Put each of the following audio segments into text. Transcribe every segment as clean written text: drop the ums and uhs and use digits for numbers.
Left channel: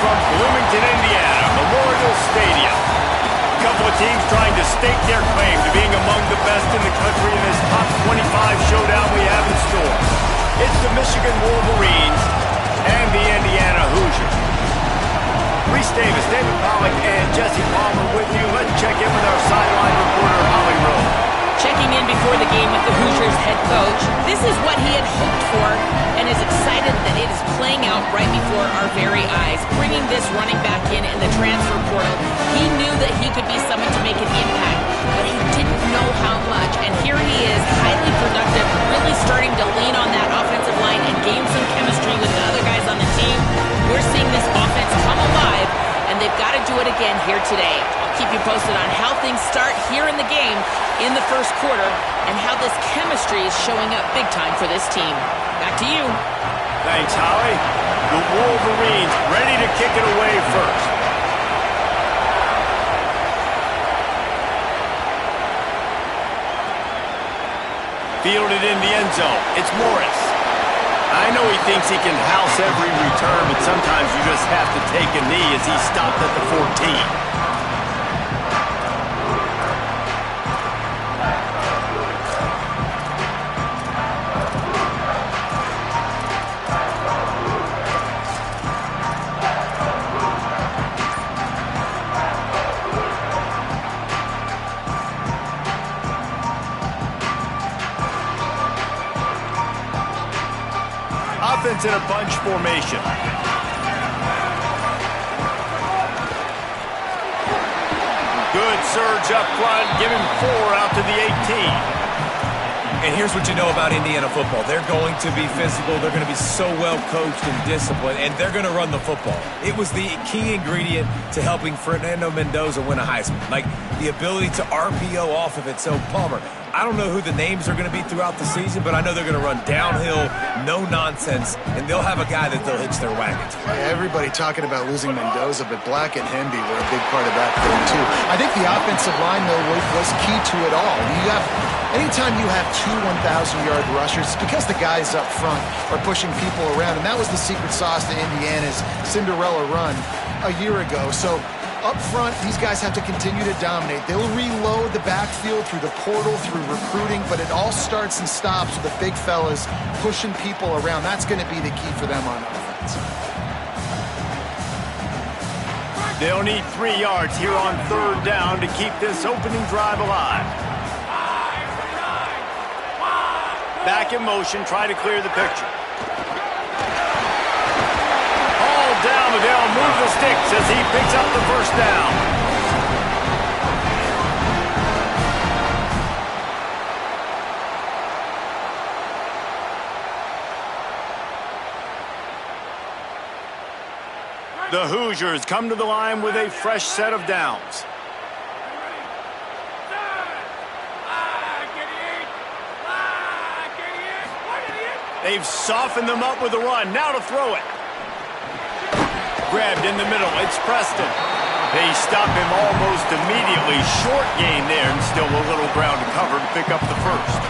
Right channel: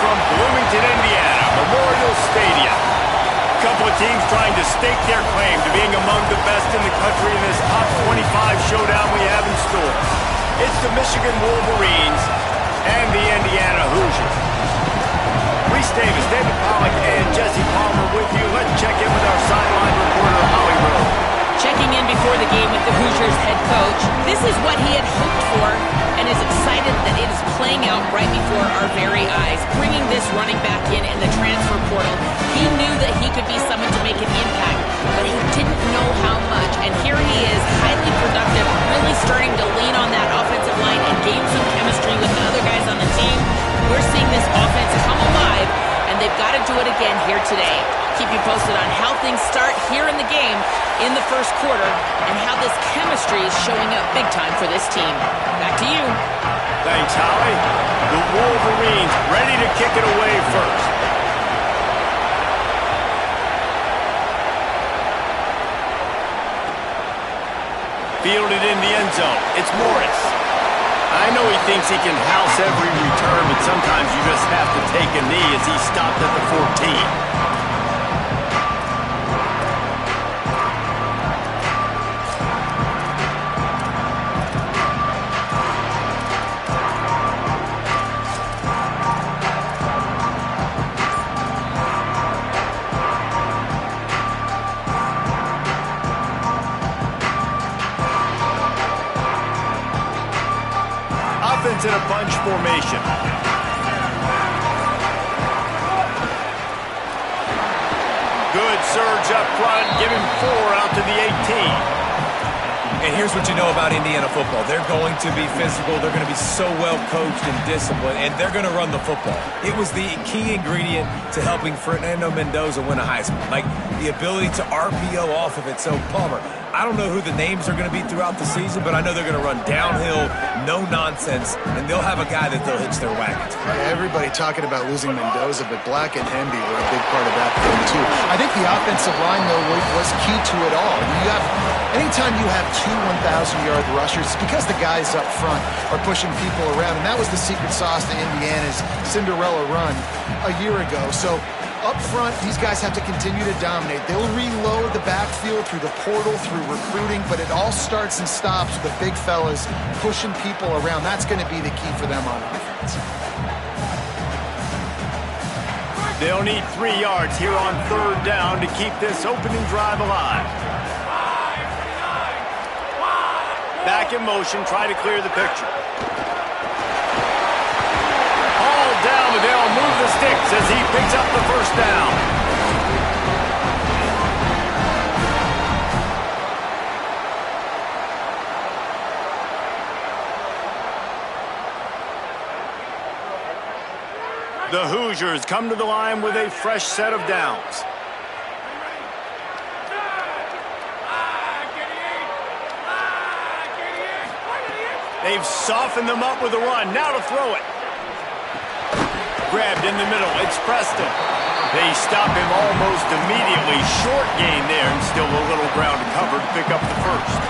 from Bloomington, Indiana, Memorial Stadium. A couple of teams trying to stake their claim to being among the best in the country in this top 25 showdown we have in store. It's the Michigan Wolverines and the Indiana Hoosiers. Reese Davis, David Pollack, and Jesse Palmer with you. Let's check in with our sideline reporter, Holly Rowe. Checking in before the game with the Hoosiers head coach. This is what he had hoped for and is excited that it is playing out right before our very eyes. Bringing this running back in the transfer portal, he knew that he could be someone to make an impact, but he didn't know how much. And here he is, highly productive, really starting to lean on that offensive line and gain some chemistry with the other guys on the team. We're seeing this offense come alive, and they've got to do it again here today. I'll keep you posted on how things start here in the game in the first quarter and how this chemistry is showing up big time for this team. Back to you. Thanks, Holly. The Wolverines ready to kick it away first. Fielded in the end zone. It's Morris. I know he thinks he can house every return, but sometimes you just have to take a knee as he stopped at the 14. Offense in a bunch formation. Good surge up front. Give him 4 out to the 18. And here's what you know about Indiana football. They're going to be physical. They're going to be so well coached and disciplined, and they're going to run the football. It was the key ingredient to helping Fernando Mendoza win a Heisman, like the ability to RPO off of it. So, Palmer, I don't know who the names are going to be throughout the season, but I know they're going to run downhill, no nonsense, and they'll have a guy that they'll hitch their wagon to. Everybody talking about losing Mendoza, but Black and Hemby were a big part of that thing, too. I think the offensive line, though, was key to it all. Anytime you have 2 1,000-yard rushers, it's because the guys up front are pushing people around, and that was the secret sauce to Indiana's Cinderella run a year ago. So up front, these guys have to continue to dominate. They'll reload the backfield through the portal, through recruiting, but it all starts and stops with the big fellas pushing people around. That's going to be the key for them on offense. They'll need 3 yards here on 3rd down to keep this opening drive alive. Back in motion, try to clear the picture. All down, but they'll move the sticks as he picks up the first down. The Hoosiers come to the line with a fresh set of downs. They've softened them up with a run. Now to throw it. Grabbed in the middle. It's Preston. They stop him almost immediately. Short gain there, and still a little ground to cover to pick up the first.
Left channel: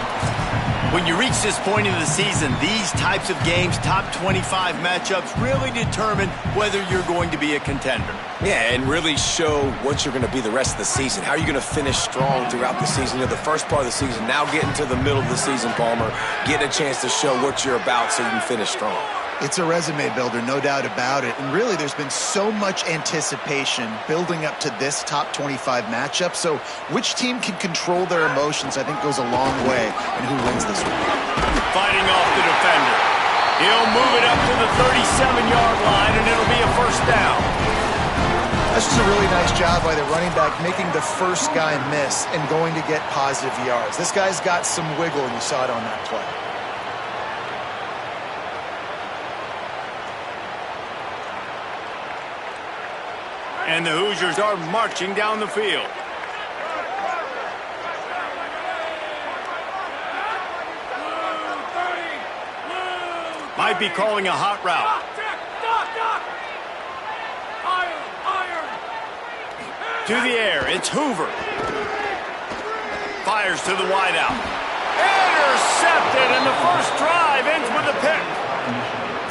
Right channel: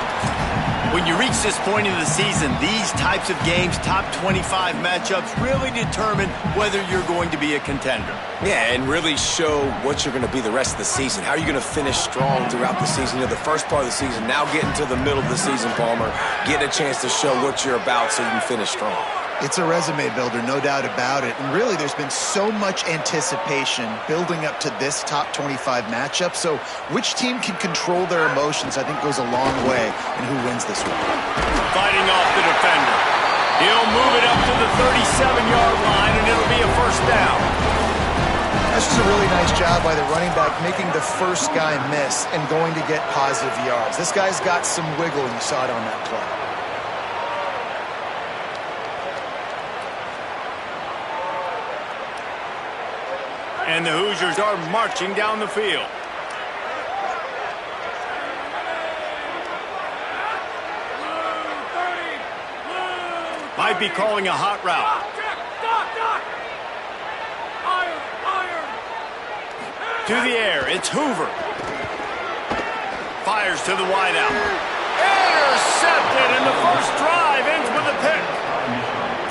When you reach this point in the season, these types of games, top 25 matchups, really determine whether you're going to be a contender. Yeah, and really show what you're going to be the rest of the season. How are you going to finish strong throughout the season? You know, the first part of the season, now getting to the middle of the season, Palmer, getting a chance to show what you're about so you can finish strong. It's a resume builder, no doubt about it. And really, there's been so much anticipation building up to this top 25 matchup. So which team can control their emotions, I think, goes a long way in who wins this one. Fighting off the defender. He'll move it up to the 37-yard line, and it'll be a first down. That's just a really nice job by the running back, making the first guy miss and going to get positive yards. This guy's got some wiggle, and you saw it on that play. And the Hoosiers are marching down the field. Might be calling a hot route. To the air, it's Hoover. Fires to the wideout. Intercepted, and the first drive ends with a pick.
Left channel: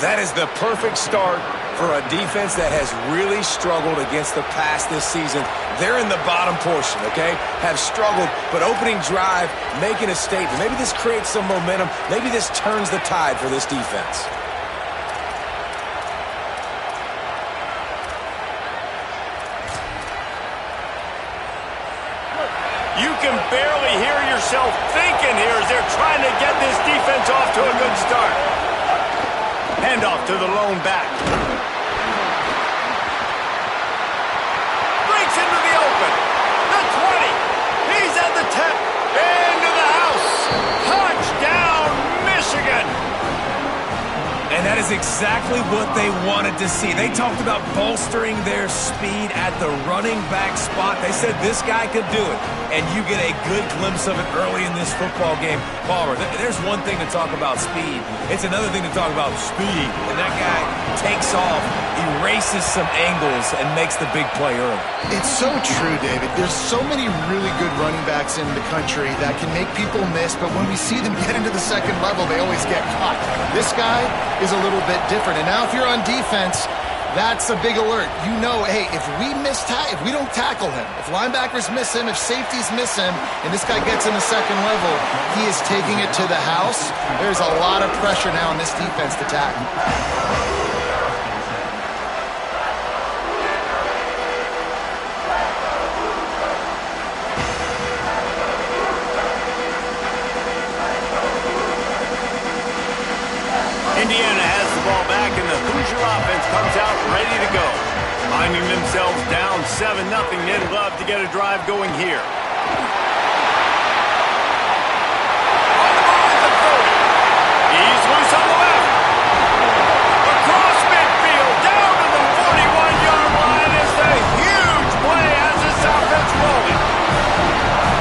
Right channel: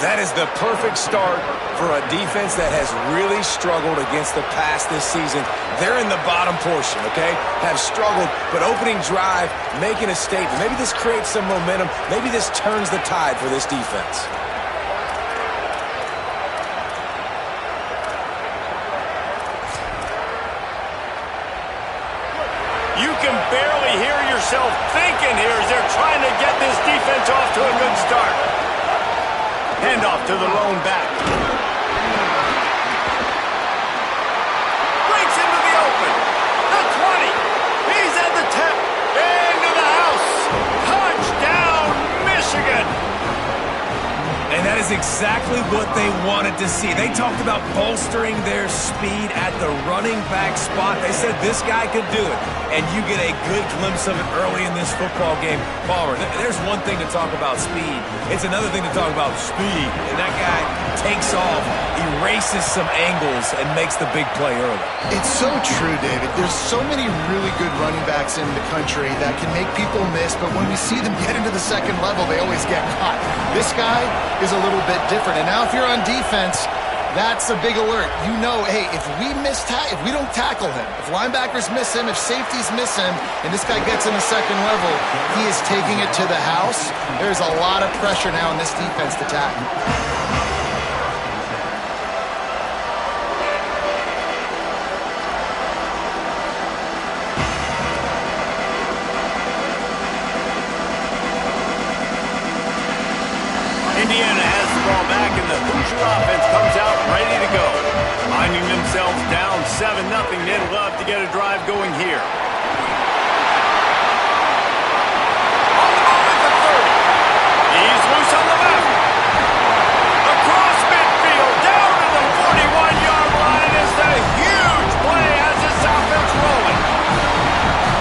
That is the perfect start for a defense that has really struggled against the pass this season. They're in the bottom portion, okay? Have struggled, but opening drive, making a statement. Maybe this creates some momentum. Maybe this turns the tide for this defense. You can barely hear yourself thinking here as they're trying to get this defense off to a good start. Handoff to the lone back. Breaks into the open. The 20. He's at the 10. Into the house. Touchdown, Michigan. And that is exactly what they wanted to see. They talked about bolstering their speed at the running back spot. They said this guy could do it. And you get a good glimpse of it early in this football game. Palmer, there's one thing to talk about speed. It's another thing to talk about speed. And that guy takes off, erases some angles, and makes the big play early. It's so true, David. There's so many really good running backs in the country that can make people miss, but when we see them get into the second level, they always get caught. This guy is a little bit different. And now if you're on defense, that's a big alert. You know, hey, if we don't tackle him, if linebackers miss him, if safeties miss him, and this guy gets in the second level, he is taking it to the house. There's a lot of pressure now on this defense to tackle. Indiana has the ball back, and the Hoosier offense comes out ready to go. Finding themselves down 7-0, they'd love to get a drive going here. On the move at the 30. He's loose on the left. Across midfield, down to the 41-yard line is the huge play as this offense rolling.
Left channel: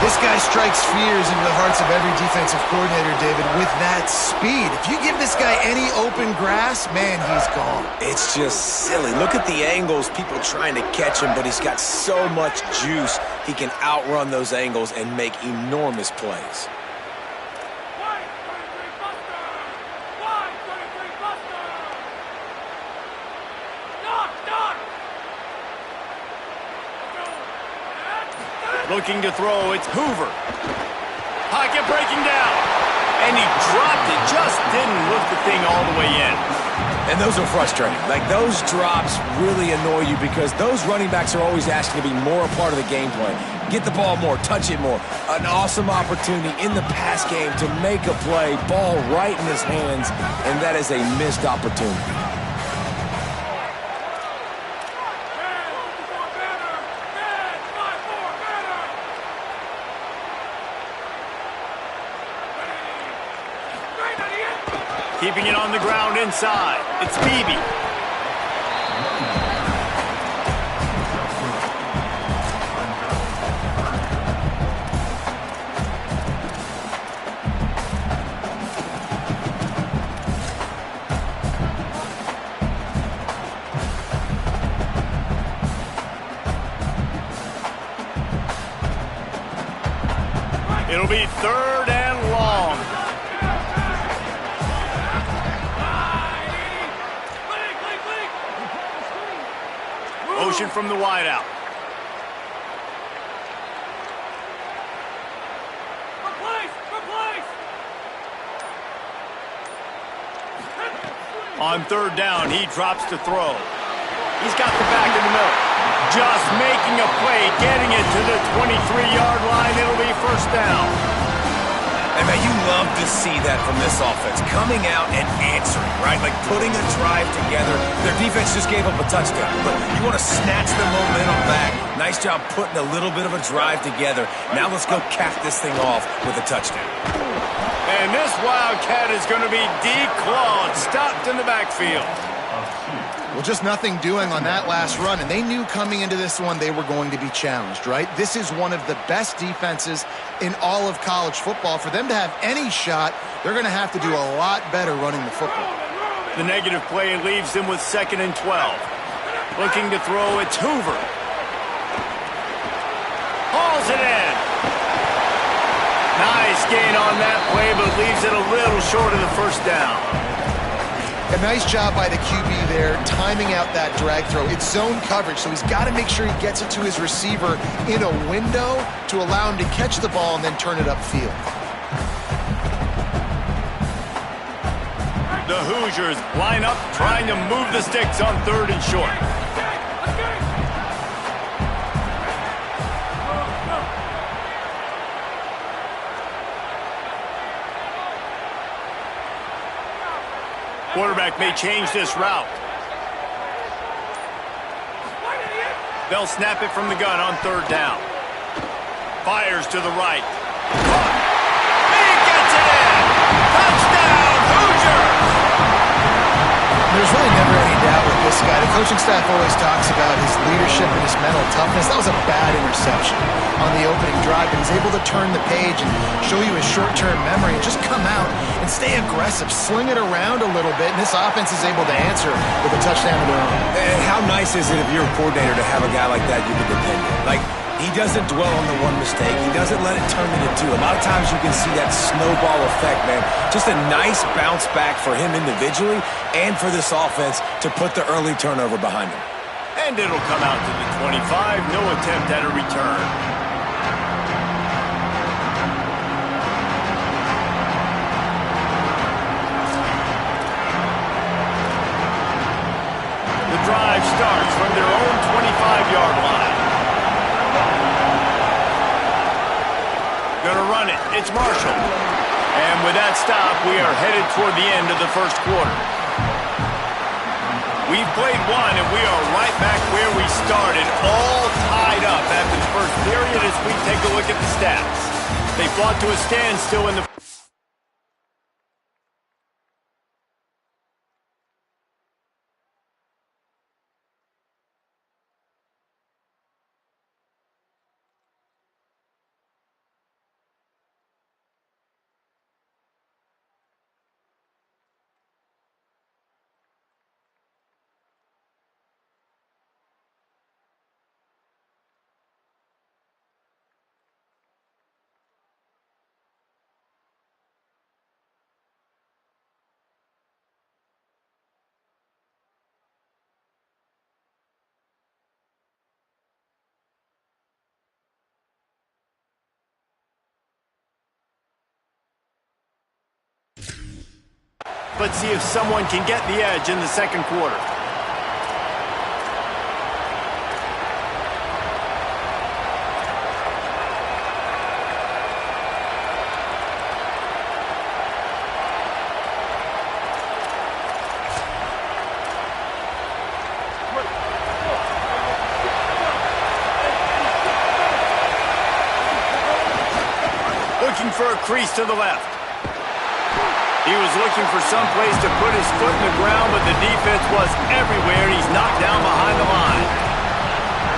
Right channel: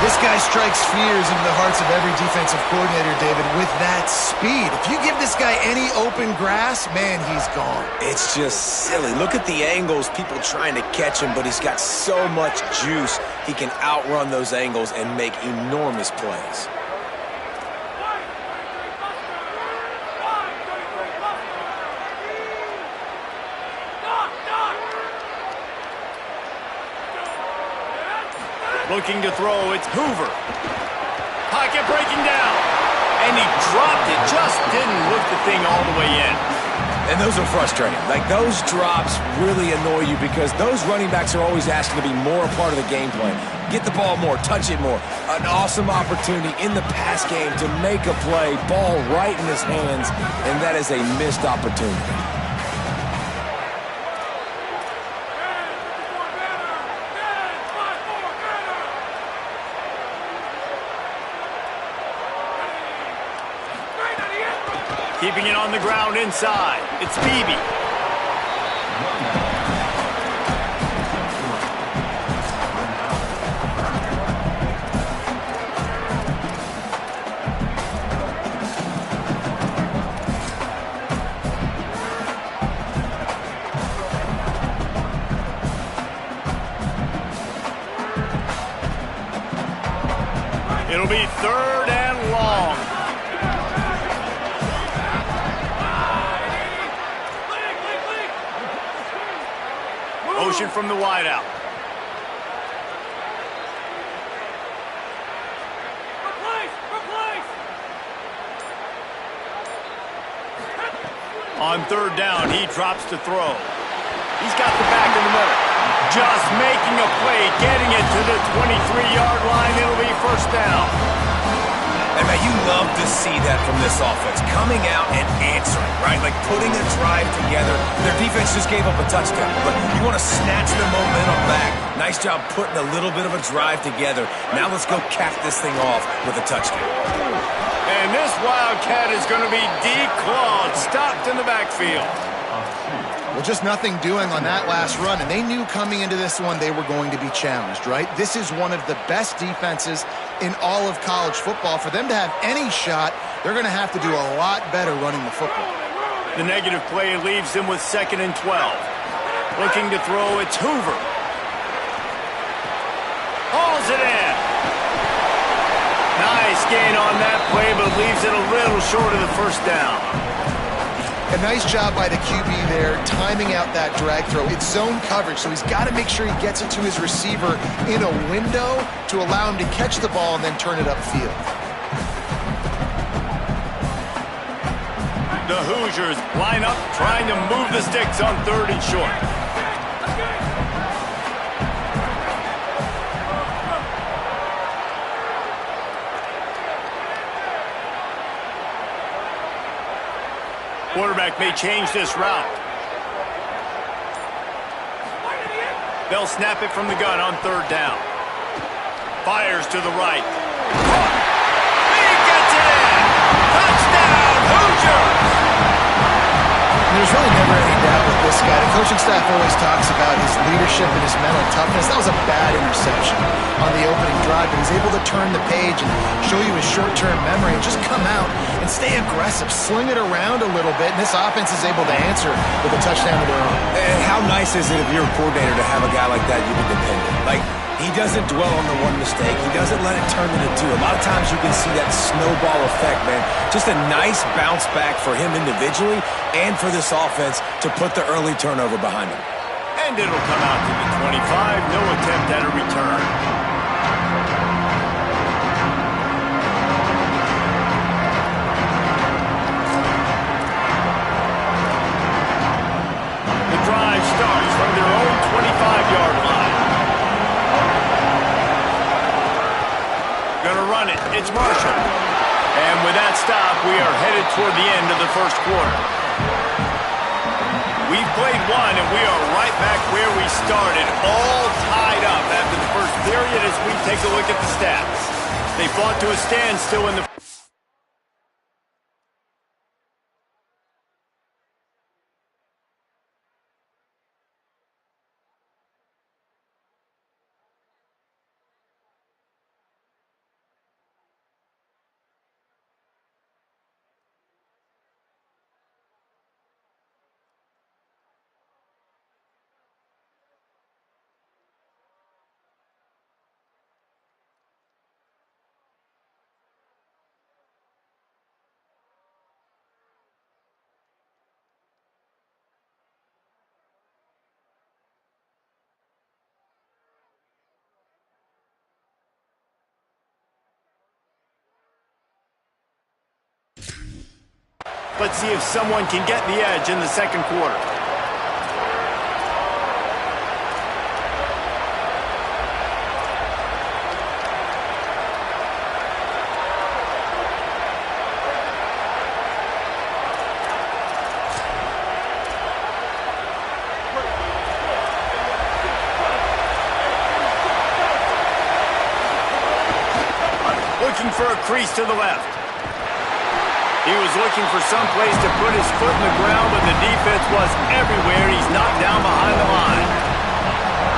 This guy strikes fears into the hearts of every defensive coordinator, David, with that speed. If you give this guy any open grass, man, he's gone. It's just silly. Look at the angles, people trying to catch him, but he's got so much juice. He can outrun those angles and make enormous plays. Looking to throw, it's Hoover. Pocket breaking down. And he dropped it, just didn't look the thing all the way in. And those are frustrating. Like, those drops really annoy you because those running backs are always asking to be more a part of the game plan. Get the ball more, touch it more. An awesome opportunity in the pass game to make a play, ball right in his hands, and that is a missed opportunity. Keeping it on the ground inside. It's Beebe. It'll be 3rd and long. Motion from the wideout. On 3rd down, he drops to throw. He's got the back in the middle. Just making a play, getting it to the 23-yard line. It'll be 1st down. And man, you love to see that from this offense, coming out and answering, right? Like putting a drive together. Their defense just gave up a touchdown, but you want to snatch the momentum back. Nice job putting a little bit of a drive together. Now let's go cap this thing off with a touchdown. And this Wildcat is going to be declawed, stopped in the backfield. Well, just nothing doing on that last run, and they knew coming into this one they were going to be challenged, right? This is one of the best defenses in all of college football. For them to have any shot, they're going to have to do a lot better running the football. The negative play leaves them with 2nd and 12. Looking to throw, it's Hoover. Hauls it in. Nice gain on that play, but leaves it a little short of the 1st down. A nice job by the QB there, timing out that drag throw. It's zone coverage, so he's got to make sure he gets it to his receiver in a window to allow him to catch the ball and then turn it upfield. The Hoosiers line up, trying to move the sticks on 3rd and short. Quarterback may change this route. They'll snap it from the gun on 3rd down. Fires to the right. Caught. He gets it in. Touchdown, Hoosiers! There's really never any doubt with this guy. The coaching staff always talks about his leadership and his mental toughness. That was a bad interception on the opening drive, but he's able to turn the page and show you his short-term memory and just come out and stay aggressive, sling it around a little bit, and this offense is able to answer with a touchdown of their own. And how nice is it if you're a coordinator to have a guy like that you can depend on? Like, he doesn't dwell on the one mistake. He doesn't let it turn into two. A lot of times you can see that snowball effect, man. Just a nice bounce back for him individually and for this offense to put the early turnover behind him. And it'll come out to the 25. No attempt at a return. The drive starts from their own 25-yard line. Gonna run it. It's Marshall. And with that stop, we are headed toward the end of the first quarter. We've played one, and we are right back where we started, all tied up after the first period as we take a look at the stats. They fought to a standstill in the... Let's see if someone can get the edge in the second quarter. Looking for a crease to the left. He was looking for some place to put his foot in the ground, but the defense was everywhere. He's knocked down behind the line.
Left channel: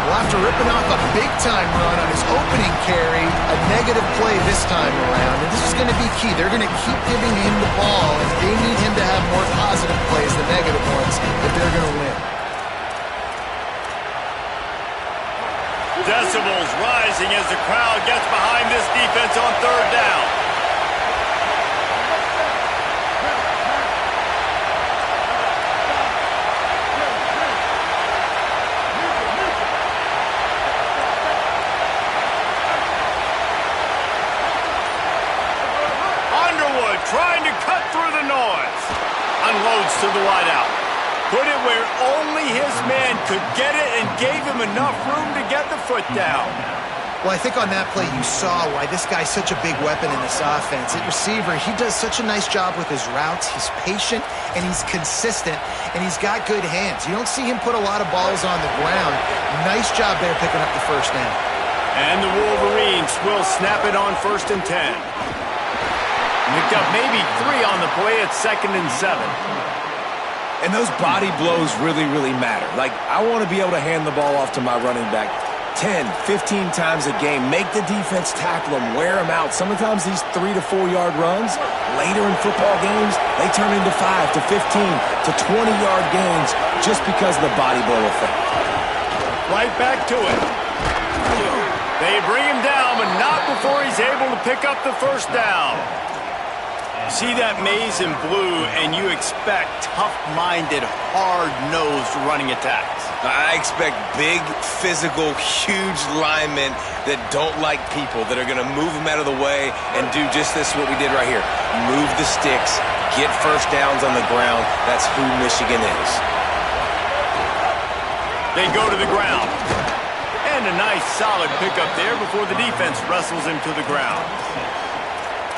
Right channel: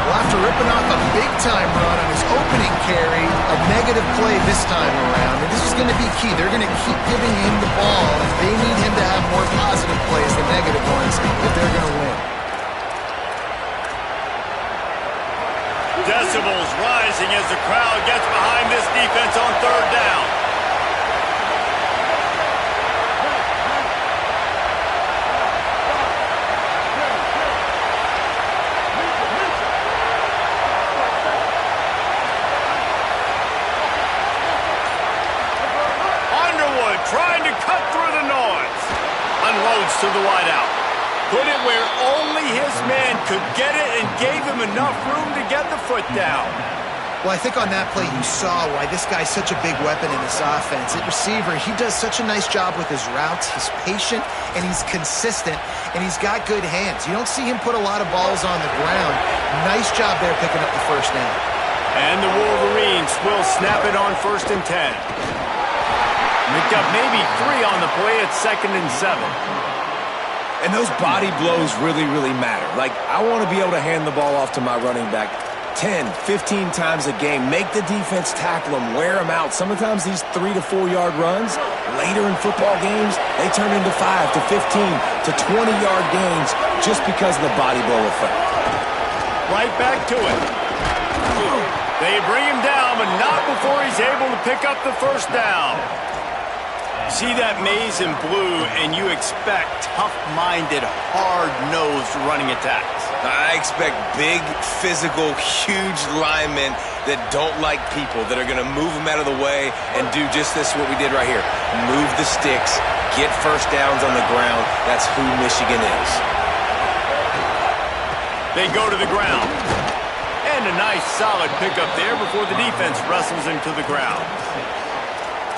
Well, after ripping off a big-time run on his opening carry, a negative play this time around, and this is going to be key. They're going to keep giving him the ball, and they need him to have more positive plays than negative ones if they're going to win. Decibels rising as the crowd gets behind this defense on 3rd down. Trying to cut through the noise. Unloads to the wideout. Put it where only his man could get it and gave him enough room to get the foot down. Well, I think on that play you saw why this guy's such a big weapon in this offense. At receiver, he does such a nice job with his routes. He's patient, and he's consistent, and he's got good hands. You don't see him put a lot of balls on the ground. Nice job there picking up the first down. And the Wolverines will snap it on 1st and 10. Picked up maybe 3 on the play at 2nd and 7. And those body blows really, really matter. Like, I want to be able to hand the ball off to my running back 10, 15 times a game. Make the defense tackle them, wear them out. Sometimes these 3 to 4 yard runs, later in football games, they turn into 5 to 15 to 20 yard gains just because of the body blow effect. Right back to it. They bring him down, but not before he's able to pick up the first down. See that maze in blue, and you expect tough-minded, hard-nosed running attacks. I expect big, physical, huge linemen that don't like people, that are going to move them out of the way and do just this, what we did right here. Move the sticks, get first downs on the ground. That's who Michigan is. They go to the ground. And a nice, solid pickup there before the defense wrestles him to the ground.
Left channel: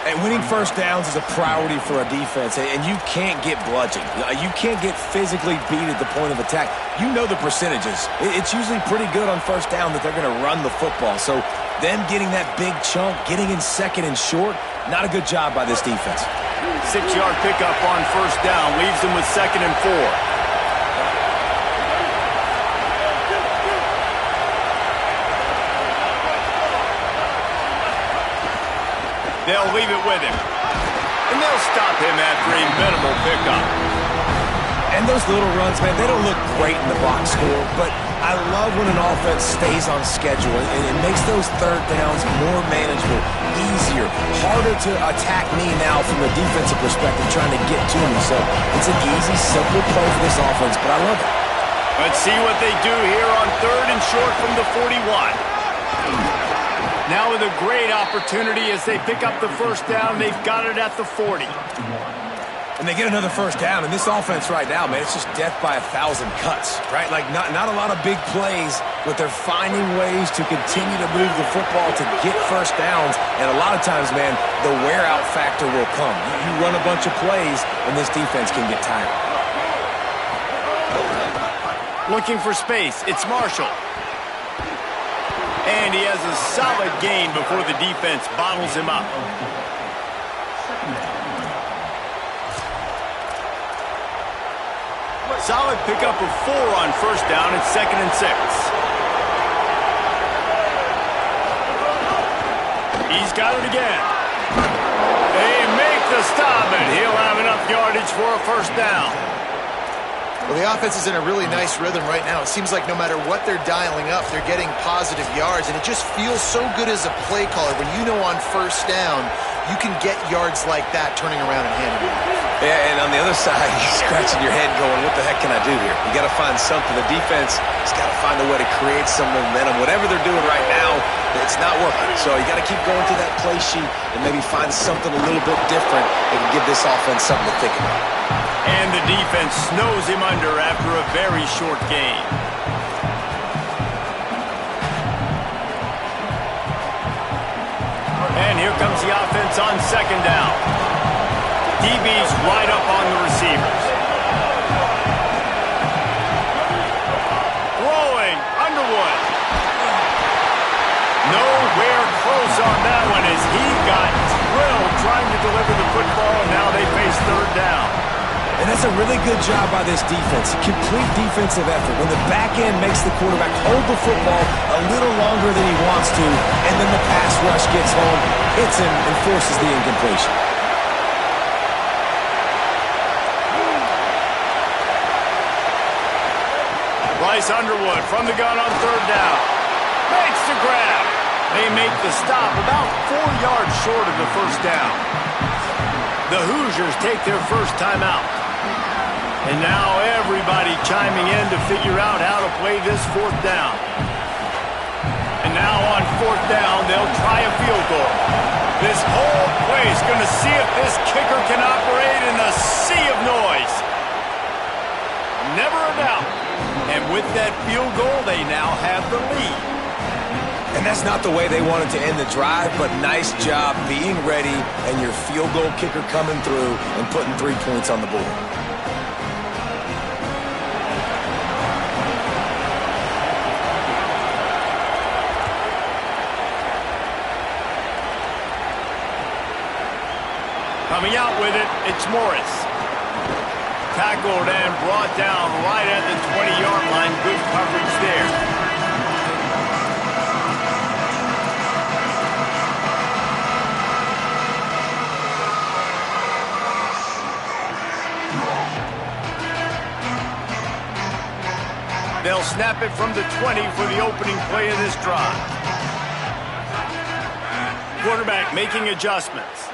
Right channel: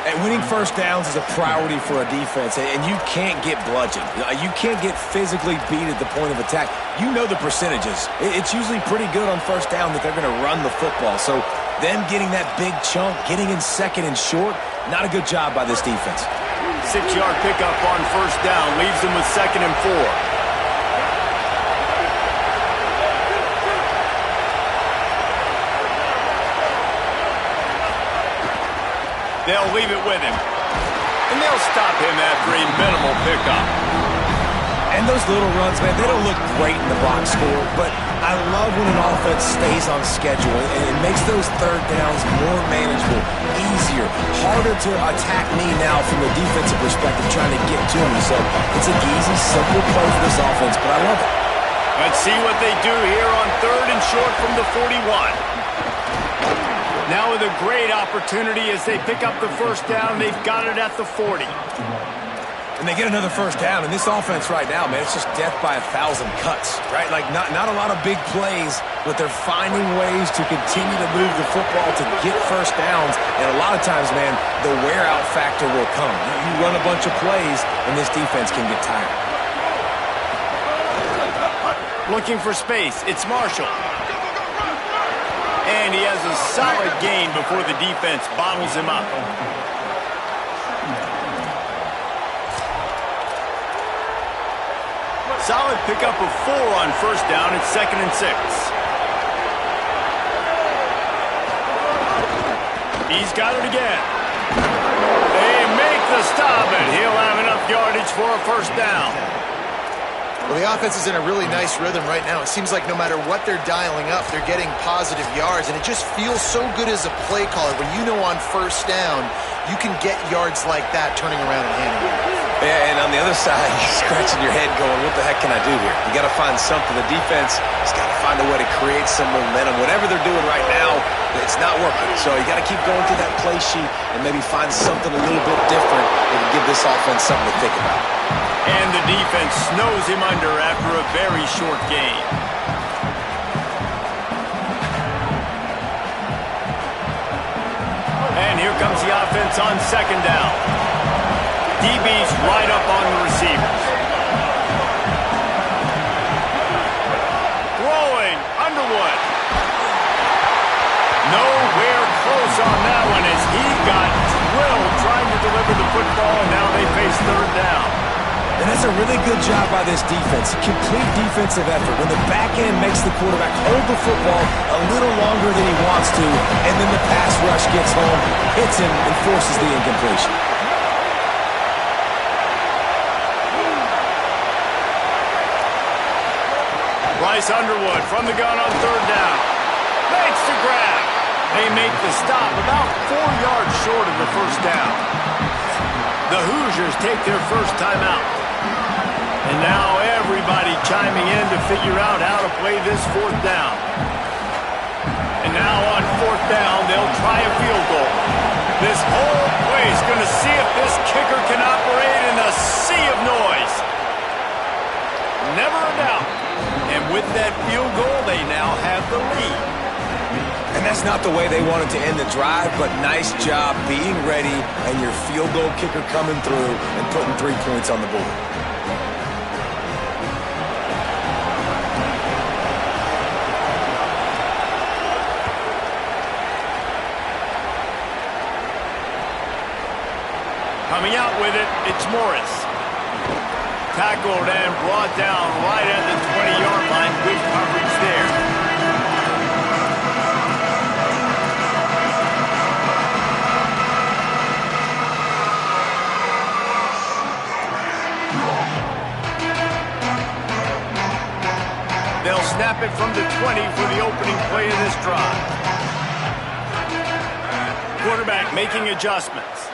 And winning first downs is a priority for a defense, and you can't get bludgeoned. You can't get physically beat at the point of attack. You know the percentages. It's usually pretty good on first down that they're going to run the football. So them getting that big chunk, getting in second and short, not a good job by this defense. 6-yard pickup on first down leaves them with 2nd and 4. They'll leave it with him. And they'll stop him after a minimal pickup. And those little runs, man, they don't look great in the box score, but I love when an offense stays on schedule, and it makes those third downs more manageable, easier, harder to attack me now from the defensive perspective trying to get to me. So it's an easy, simple play for this offense, but I love it. Let's see what they do here on 3rd and short from the 41. Now with a great opportunity as they pick up the first down. They've got it at the 40. And they get another first down. And this offense right now, man, it's just death by 1,000 cuts, right? Like not a lot of big plays, but they're finding ways to continue to move the football to get first downs. And a lot of times, man, the wear-out factor will come. You run a bunch of plays, and this defense can get tired. Looking for space. It's Marshall. And he has a solid gain before the defense bottles him up. Solid pickup of 4 on first down. It's 2nd and 6. He's got it again. They make the stop, and he'll have enough yardage for a first down. Well, the offense is in a really nice rhythm right now. It seems like no matter what they're dialing up, they're getting positive yards, and it just feels so good as a play caller when you know on first down you can get yards like that turning around and handing it. Yeah, and on the other side, you're scratching your head going, what the heck can I do here? You got to find something. The defense has got to find a way to create some momentum. Whatever they're doing right now, it's not working. So you got to keep going through that play sheet and maybe find something a little bit different that can give this offense something to think about. And the defense snows him under after a very short gain. And here comes the offense on 2nd down. DB's right up on the receivers. Throwing, Underwood. Nowhere close on that one as he got drilled trying to deliver the football, and now they face 3rd down. And that's a really good job by this defense. Complete defensive effort. When the back end makes the quarterback hold the football a little longer than he wants to, and then the pass rush gets home, hits him, and forces the incompletion. Bryce Underwood from the gun on 3rd down. Makes the grab. They make the stop about 4 yards short of the first down. The Hoosiers take their first time out. And now everybody chiming in to figure out how to play this 4th down. And now on 4th down, they'll try a field goal. This whole place going to see if this kicker can operate in a sea of noise. Never a doubt. And with that field goal, they now have the lead. And that's not the way they wanted to end the drive, but nice job being ready and your field goal kicker coming through and putting 3 points on the board. Coming out with it, it's Morris. Tackled and brought down right at the 20-yard line. Good coverage there. They'll snap it from the 20 for the opening play of this drive. Quarterback making adjustments.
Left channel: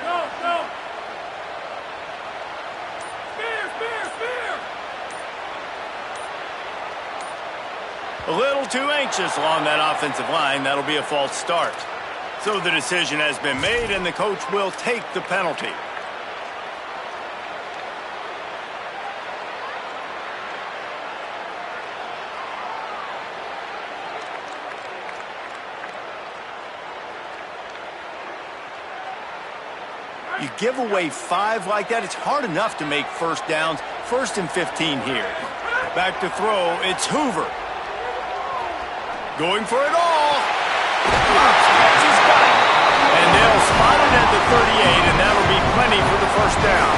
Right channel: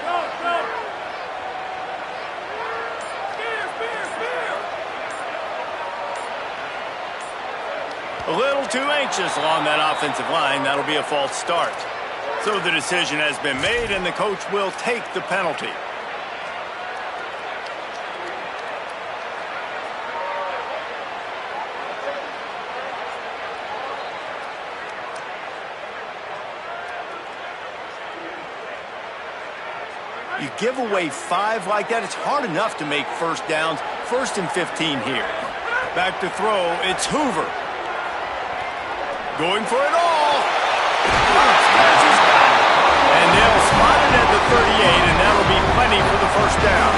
A little too anxious along that offensive line. That'll be a false start. So the decision has been made, and the coach will take the penalty. You give away 5 like that, it's hard enough to make first downs. 1st and 15 here. Back to throw, it's Hoover. Going for it all. Upstairs he's got it. And they'll spot it at the 38, and that'll be plenty for the first down.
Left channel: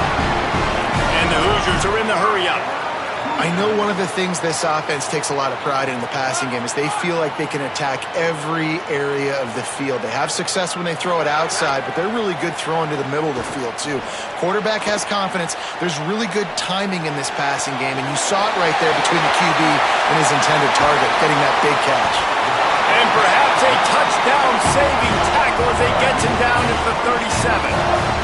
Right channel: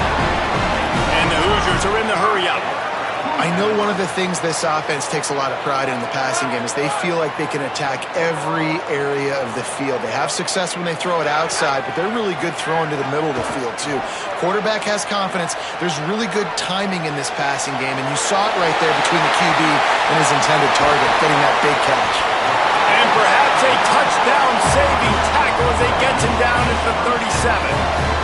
And the Hoosiers are in the hurry-up. I know one of the things this offense takes a lot of pride in the passing game is they feel like they can attack every area of the field. They have success when they throw it outside, but they're really good throwing to the middle of the field, too. Quarterback has confidence. There's really good timing in this passing game, and you saw it right there between the QB and his intended target, getting that big catch. And perhaps a touchdown-saving tackle as he gets him down at the 37.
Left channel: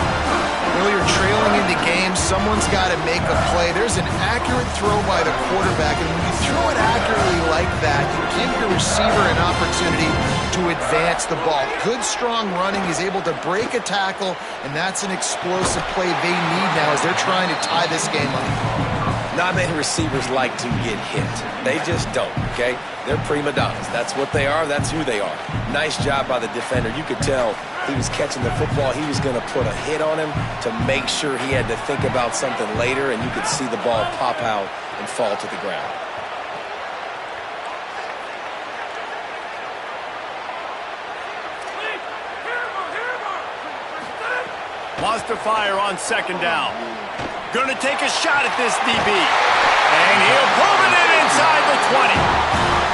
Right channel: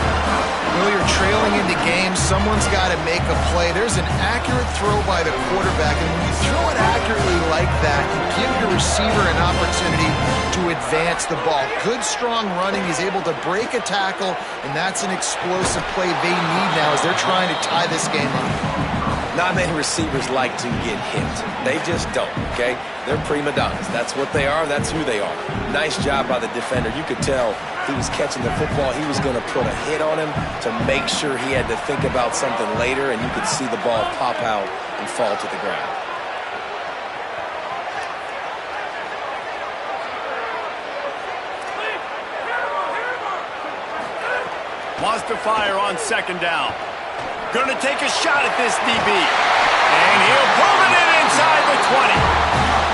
Well, you're trailing into games. Someone's got to make a play. There's an accurate throw by the quarterback, and when you throw it accurately like that, you give your receiver an opportunity to advance the ball. Good, strong running. He's able to break a tackle, and that's an explosive play they need now as they're trying to tie this game up. Not many receivers like to get hit. They just don't, okay? They're prima donnas. That's what they are. That's who they are. Nice job by the defender. You could tell he was catching the football. He was going to put a hit on him to make sure he had to think about something later, and you could see the ball pop out and fall to the ground. Wants to fire on 2nd down. Going to take a shot at this DB. And he'll pull it in inside the 20.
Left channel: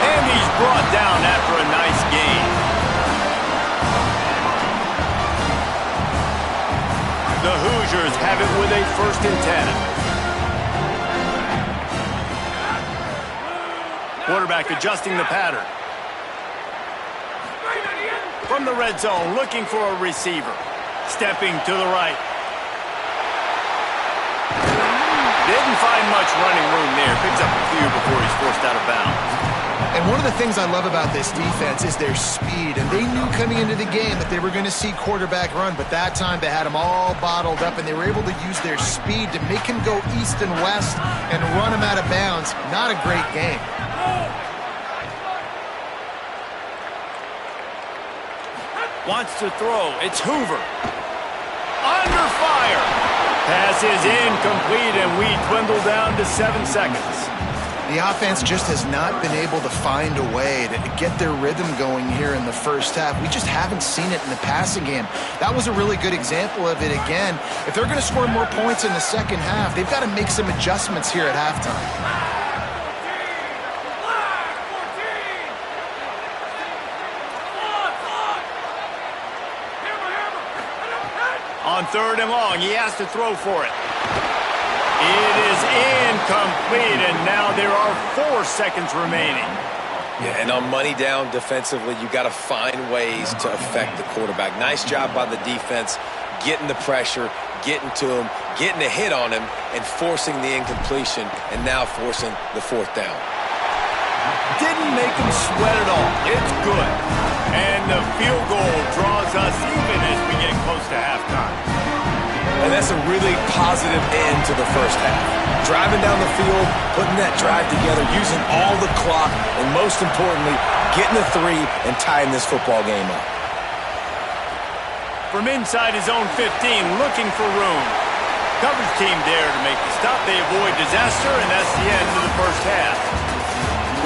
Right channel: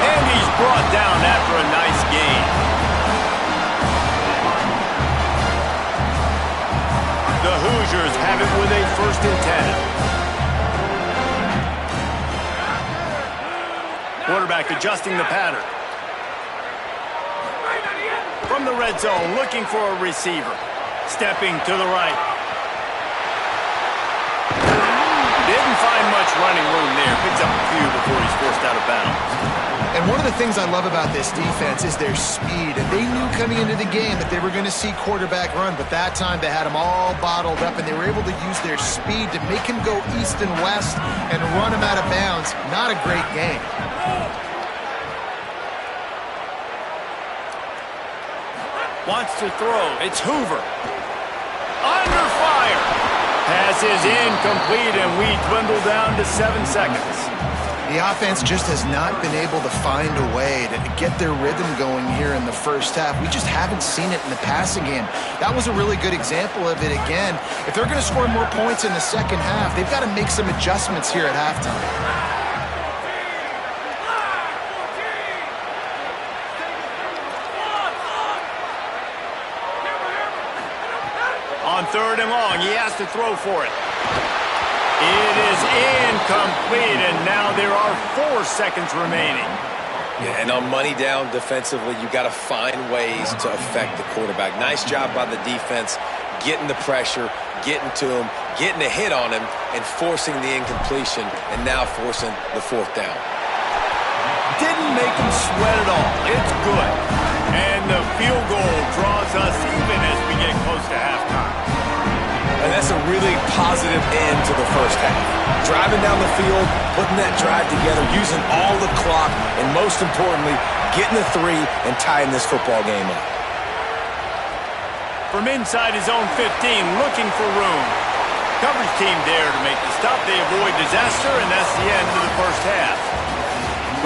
And he's brought down after a nice gain. The Hoosiers have it with a 1st and 10. Quarterback adjusting the pattern. From the red zone, looking for a receiver. Stepping to the right. Didn't find much running room there. Picks up a few before he's forced out of bounds. And one of the things I love about this defense is their speed. And they knew coming into the game that they were going to see quarterback run, but that time they had him all bottled up, and they were able to use their speed to make him go east and west and run him out of bounds. Not a great game. Wants to throw. It's Hoover. Under fire. Pass is incomplete, and we dwindle down to 7 seconds. The offense just has not been able to find a way to get their rhythm going here in the first half. We just haven't seen it in the passing game. That was a really good example of it again. If they're going to score more points in the second half, they've got to make some adjustments here at halftime. On 3rd and long, he has to throw for it. It is incomplete, and now there are 4 seconds remaining. Yeah, and on money down defensively, you got to find ways to affect the quarterback. Nice job by the defense, getting the pressure, getting to him, getting a hit on him, and forcing the incompletion, and now forcing the 4th down. Didn't make him sweat at all. It's good. And the field goal draws us even as we get close to halftime. And that's a really positive end to the first half. Driving down the field, putting that drive together, using all the clock, and most importantly, getting the 3 and tying this football game up. From inside his own 15, looking for room. Coverage team there to make the stop. They avoid disaster, and that's the end of the first half.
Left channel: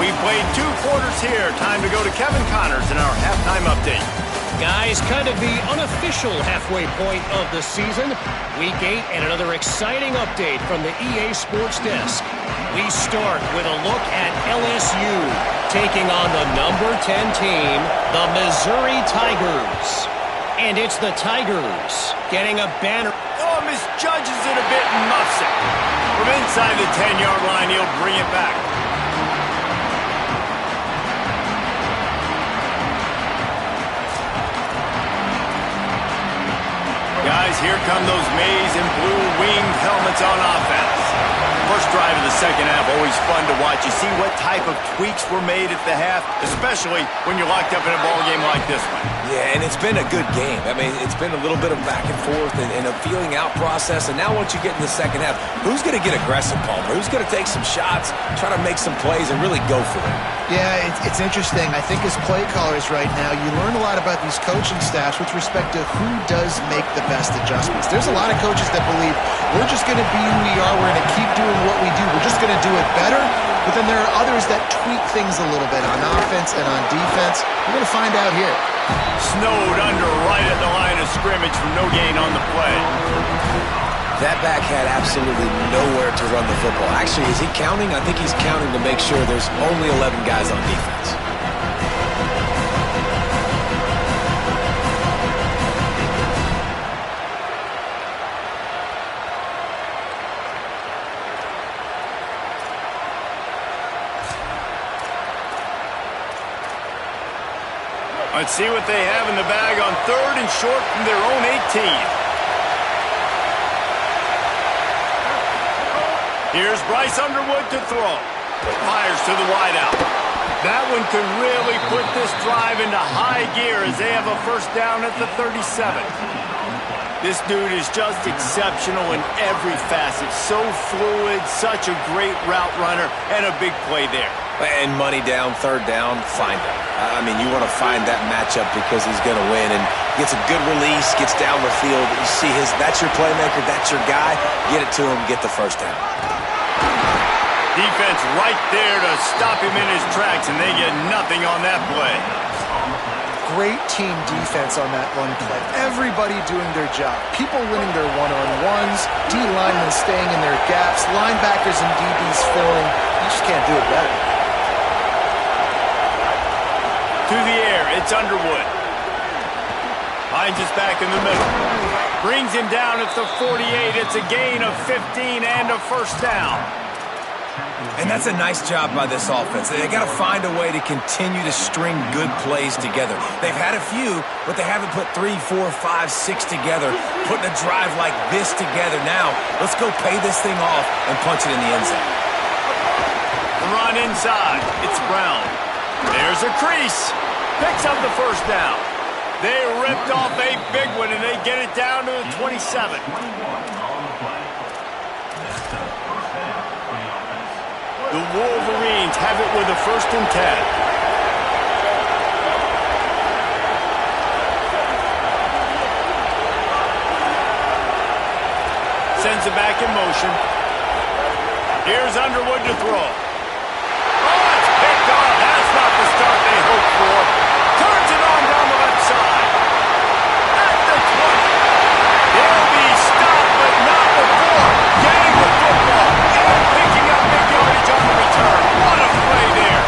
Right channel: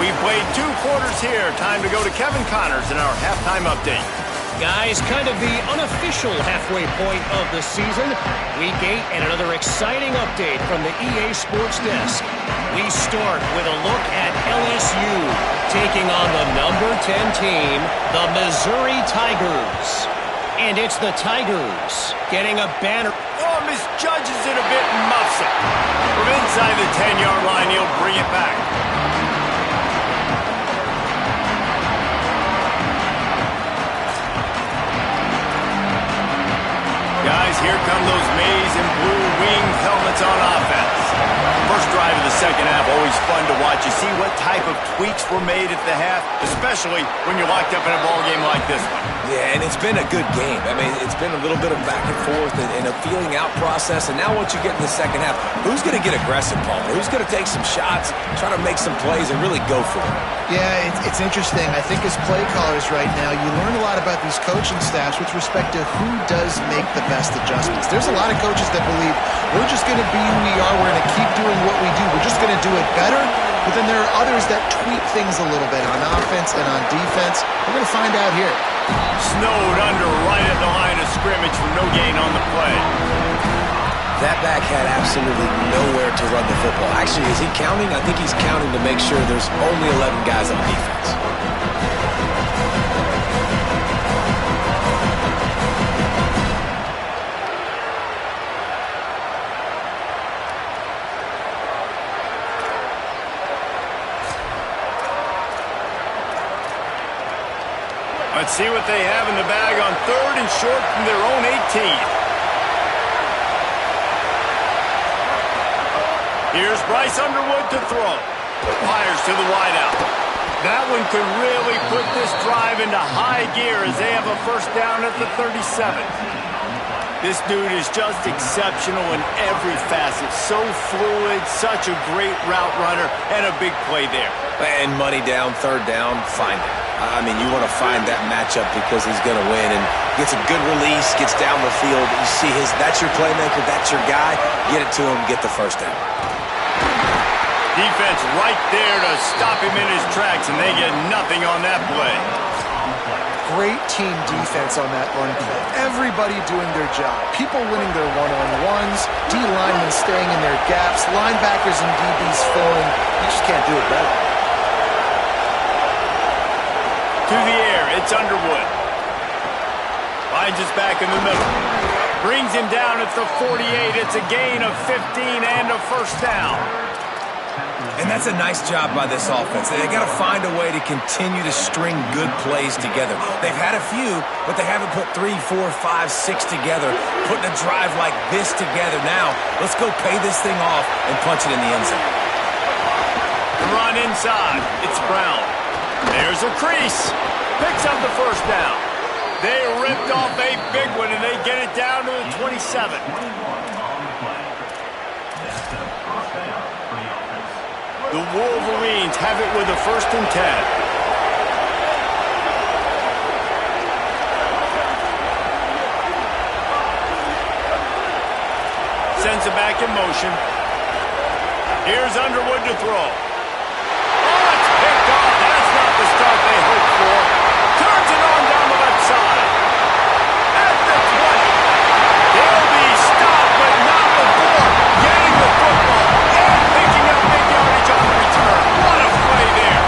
We played 2 quarters here. Time to go to Kevin Connors in our halftime update. Guys, kind of the unofficial halfway point of the season. Week 8 and another exciting update from the EA Sports Desk. We start with a look at LSU taking on the number 10 team, the Missouri Tigers. And it's the Tigers getting a banner. Oh, misjudges it a bit and muffs it. From inside the 10-yard line, he'll bring it back. Got guys, here come those maize and blue winged helmets on offense. First drive of the second half, always fun to watch. You see what type of tweaks were made at the half, especially when you're locked up in a ball game like this one. Yeah, and it's been a good game. I mean, it's been a little bit of back and forth and a feeling out process. And now once you get in the second half, who's going to get aggressive, Palmer? Who's going to take some shots, try to make some plays, and really go for it? Yeah, it's interesting. I think as play callers right now, you learn a lot about these coaching staffs with respect to who does make the best adjustments. There's a lot of coaches that believe we're just going to be who we are. We're going to keep doing what we do. We're just going to do it better. But then there are others that tweak things a little bit on offense and on defense. We're going to find out here. Snowed under right at the line of scrimmage for no gain on the play. That back had absolutely nowhere to run the football. Actually, is he counting? I think he's counting to make sure there's only 11 guys on defense. Let's see what they have in the bag on 3rd and short from their own 18. Here's Bryce Underwood to throw. Fires to the wideout. That one could really put this drive into high gear as they have a first down at the 37. This dude is just exceptional in every facet. So fluid, such a great route runner, and a big play there. And money down, 3rd down, find him. I mean, you want to find that matchup because he's going to win and gets a good release, gets down the field. You see that's your playmaker, that's your guy. Get it to him, get the first down. Defense right there to stop him in his tracks, and they get nothing on that play. Great team defense on that run play. Everybody doing their job. People winning their one-on-ones, D linemen staying in their gaps, linebackers and DBs filling. You just can't do it better. To the air, it's Underwood. Finds us back in the middle. Brings him down at the 48. It's a gain of 15 and a first down. And that's a nice job by this offense. They got to find a way to continue to string good plays together. They've had a few, but they haven't put 3, 4, 5, 6 together. Putting a drive like this together. Now, let's go pay this thing off and punch it in the end zone. The run inside. It's Brown. There's a crease. Picks up the first down. They ripped off a big one, and they get it down to the 27. The Wolverines have it with a 1st and 10. Sends it back in motion. Here's Underwood to throw. Oh, it's picked off. That's not the start they hoped for. Turns it on down the left side. At the 20. They'll be stopped, but not before getting the football and picking up big yardage on the return. What a play there.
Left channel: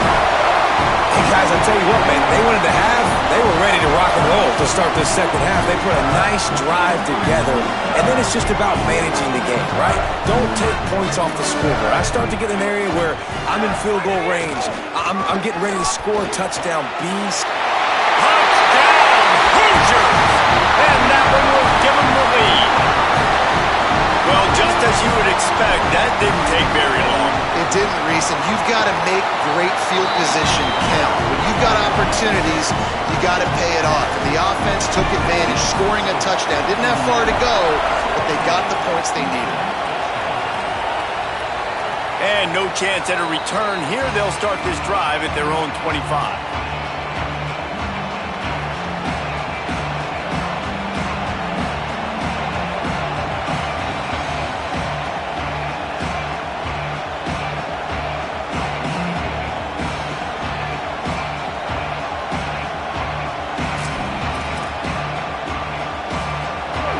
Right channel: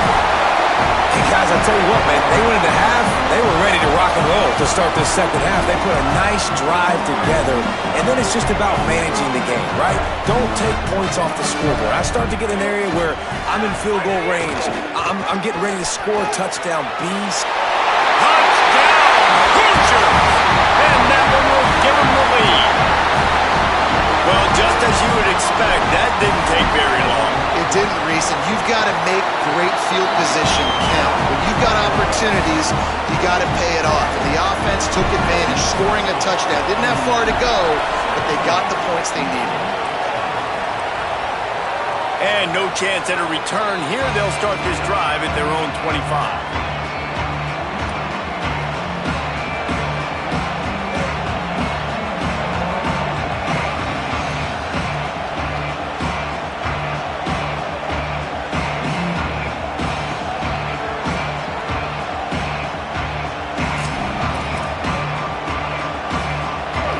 Hey, guys, I'll tell you what, man. They wanted to have, they were ready to rock and roll to start this second half. They put a nice drive together, and then it's just about managing the game, right? Don't take points off the scoreboard. I start to get an area where I'm in field goal range. I'm getting ready to score a touchdown. Touchdown, Hoosiers! And that one will give them the lead. Well, just as you would expect, that didn't take very long. It didn't, Reese, and you've got to make great field position count. When you've got opportunities, you got to pay it off. And the offense took advantage, scoring a touchdown. Didn't have far to go, but they got the points they needed. And no chance at a return here. They'll start this drive at their own 25.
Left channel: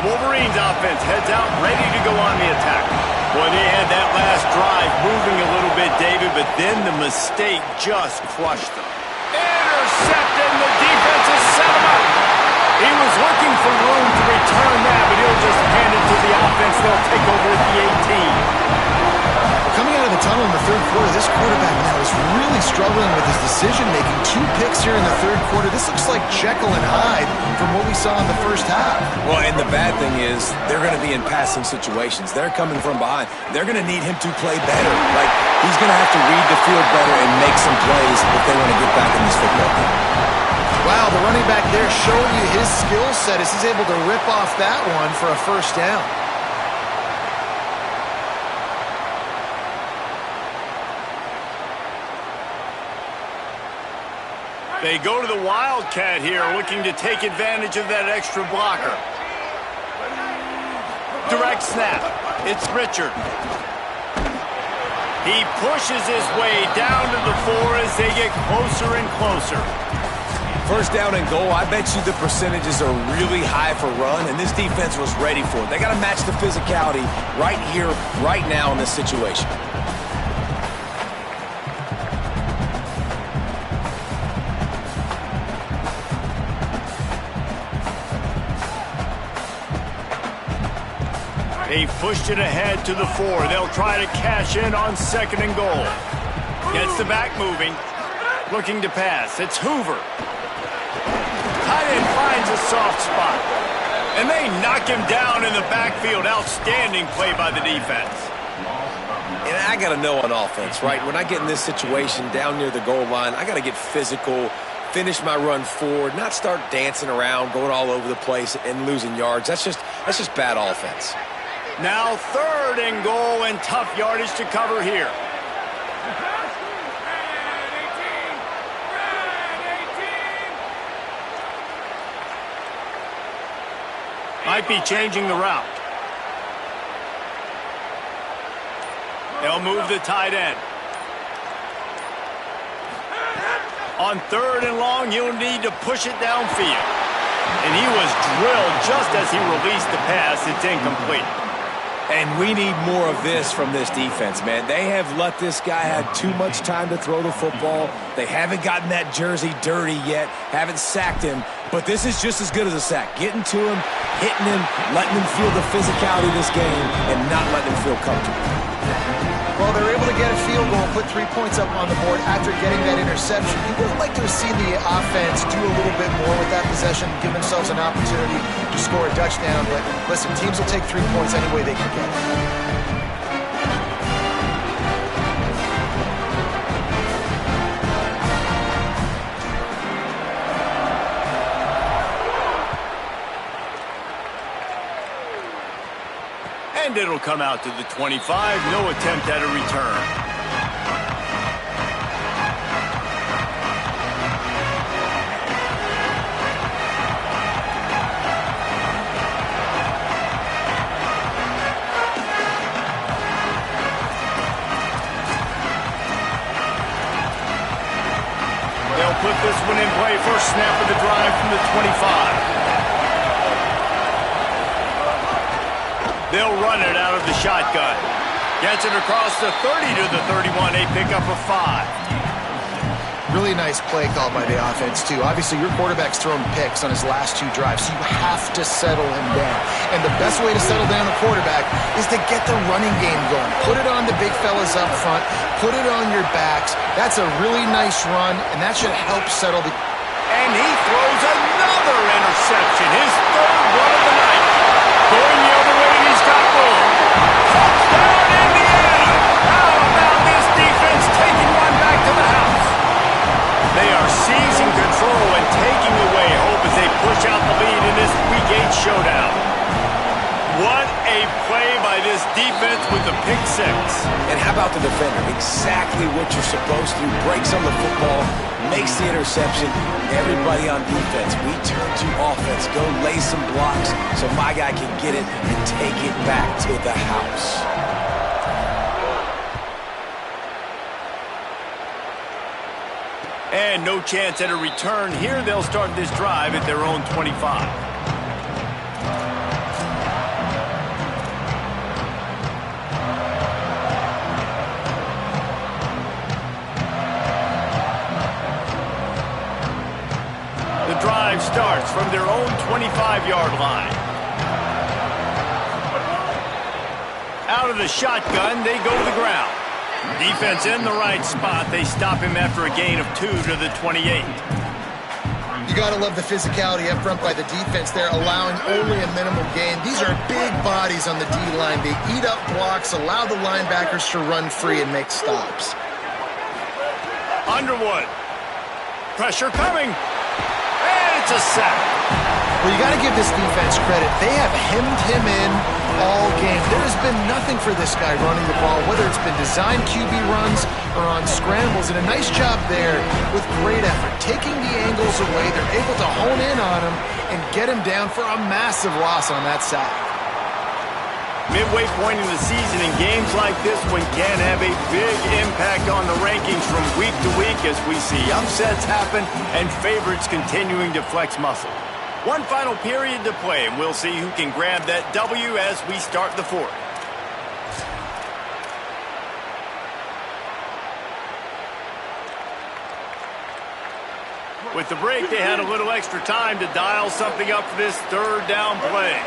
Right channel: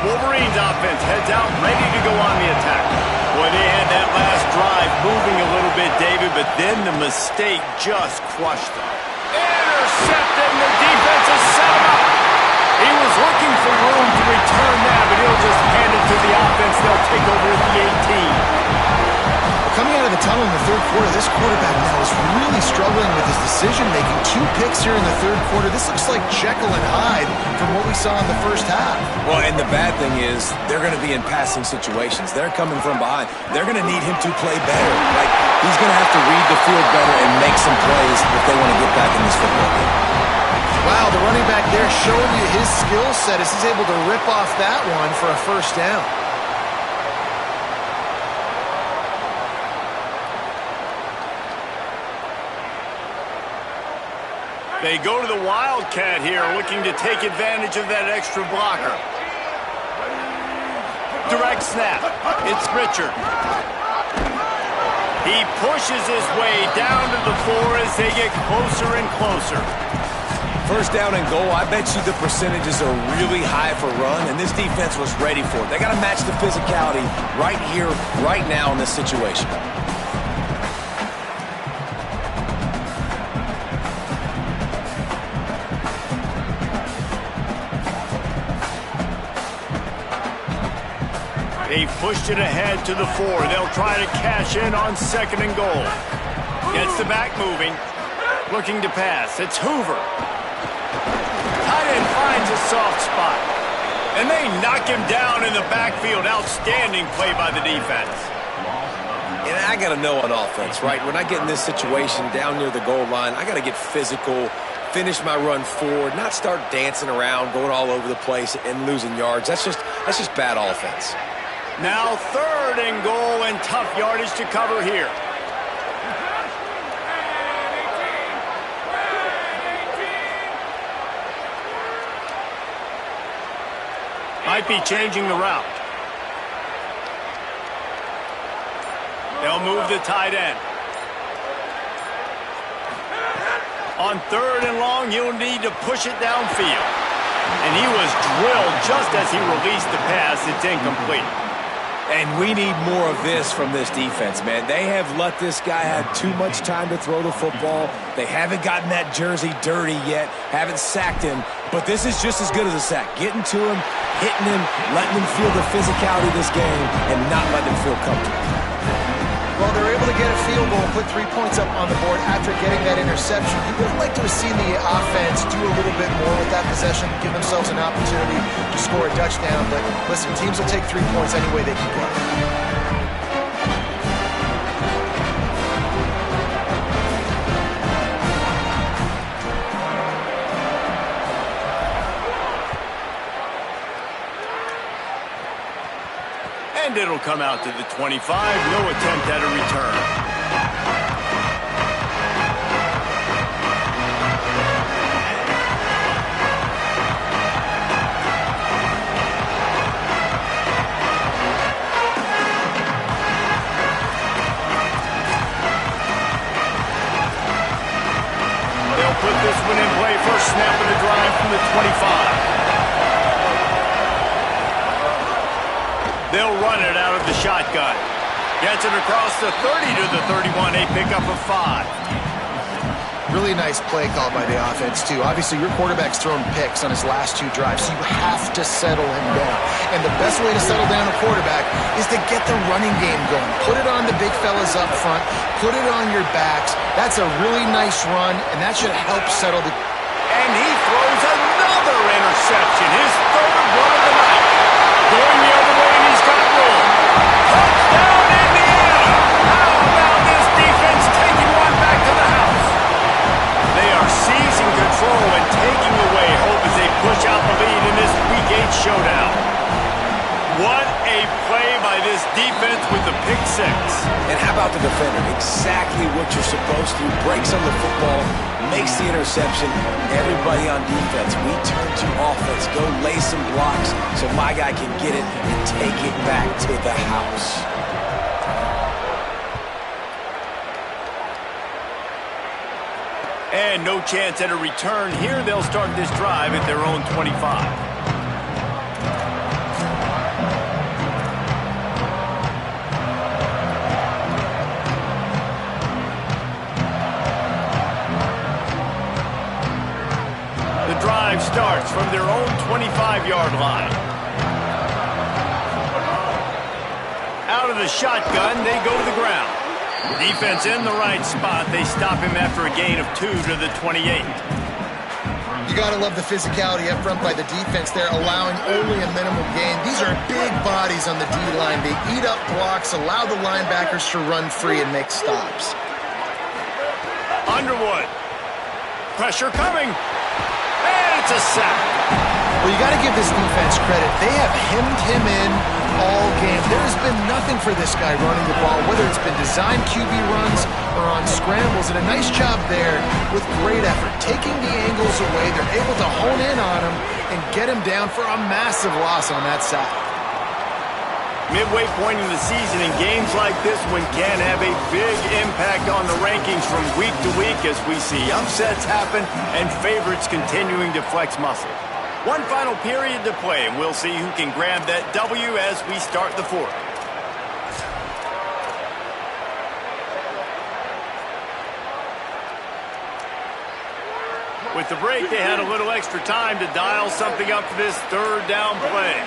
Wolverines offense heads out, ready to go on the attack. Boy, they had that last drive moving a little bit, David, but then the mistake just crushed them. Intercepted, and the defense has set him up. He was looking for room to return that, but he'll just hand it to the offense. They'll take over at the 18. coming out of the tunnel in the third quarter, this quarterback now is really struggling with his decision-making. 2 picks here in the third quarter. This looks like Jekyll and Hyde from what we saw in the first half. Well, and the bad thing is they're going to be in passing situations. They're coming from behind. They're going to need him to play better. Like, he's going to have to read the field better and make some plays if they want to get back in this football game. Wow, the running back there showing you his skill set as he's able to rip off that one for a first down. They go to the Wildcat here, looking to take advantage of that extra blocker. Direct snap. It's Richard. He pushes his way down to the 4 as they get closer and closer. First down and goal, I bet you the percentages are really high for run, and this defense was ready for it. They got to match the physicality right here, right now in this situation. They pushed it ahead to the 4. They'll try to cash in on 2nd and goal. Gets the back moving. Looking to pass. It's Hoover. Tight end finds a soft spot. And they knock him down in the backfield. Outstanding play by the defense. And I got to know on offense, right? When I get in this situation down near the goal line, I got to get physical, finish my run forward, not start dancing around, going all over the place and losing yards. That's just bad offense. Now 3rd and goal and tough yardage to cover here. Might be changing the route. They'll move the tight end. On 3rd and long, he'll need to push it downfield. And he was drilled just as he released the pass. It's incomplete. And we need more of this from this defense, man. They have let this guy have too much time to throw the football. They haven't gotten that jersey dirty yet, haven't sacked him. But this is just as good as a sack. Getting to him, hitting him, letting him feel the physicality of this game, and not letting him feel comfortable. Well, they're able to get a field goal and put 3 points up on the board after getting that interception. You would have liked to have seen the offense do a little bit more with that possession, give themselves an opportunity to score a touchdown. But listen, teams will take 3 points any way they can get it. And it'll come out to the 25. No attempt at a return. They'll put this one in play. First snap of the drive from the 25. They'll run it out of the shotgun. Gets it across the 30 to the 31. A pickup of 5. Really nice play call by the offense, too. Obviously, your quarterback's thrown picks on his last 2 drives, so you have to settle him down. And the best way to settle down a quarterback is to get the running game going. Put it on the big fellas up front. Put it on your backs. That's a really nice run, and that should help settle the... And he throws another interception. His 3rd one of the night. Going the other way, and he's got room. Touchdown, Indiana! How about this defense taking one back to the house? They are seizing control and taking away hope as they push out the lead in this Week 8 showdown. What a play by this defense with the pick 6. And how about the defender? Exactly what you're supposed to. Breaks on the football, makes the interception. Everybody on defense, we turn to offense. Go lay some blocks so my guy can get it and take it back to the house. And no chance at a return here. They'll start this drive at their own 25. The drive starts from their own 25-yard line. Out of the shotgun, they go to the ground. Defense in the right spot. They stop him after a gain of 2 to the 28. You got to love the physicality up front by the defense there, allowing only a minimal gain. These are big bodies on the D-line. They eat up blocks, allow the linebackers to run free and make stops. Underwood. Pressure coming. And it's a sack. Well, you got to give this defense credit. They have hemmed him in all game. There has been nothing for this guy running the ball, whether it's been designed QB runs or on scrambles, and a nice job there with great effort. Taking the angles away, they're able to hone in on him and get him down for a massive loss on that sack. Midway point in the season, in games like this one can have a big impact on the rankings from week to week as we see upsets happen and favorites continuing to flex muscle. One final period to play, and we'll see who can grab that W as we start the fourth. With the break, they had a little extra time to dial something up for this third down play.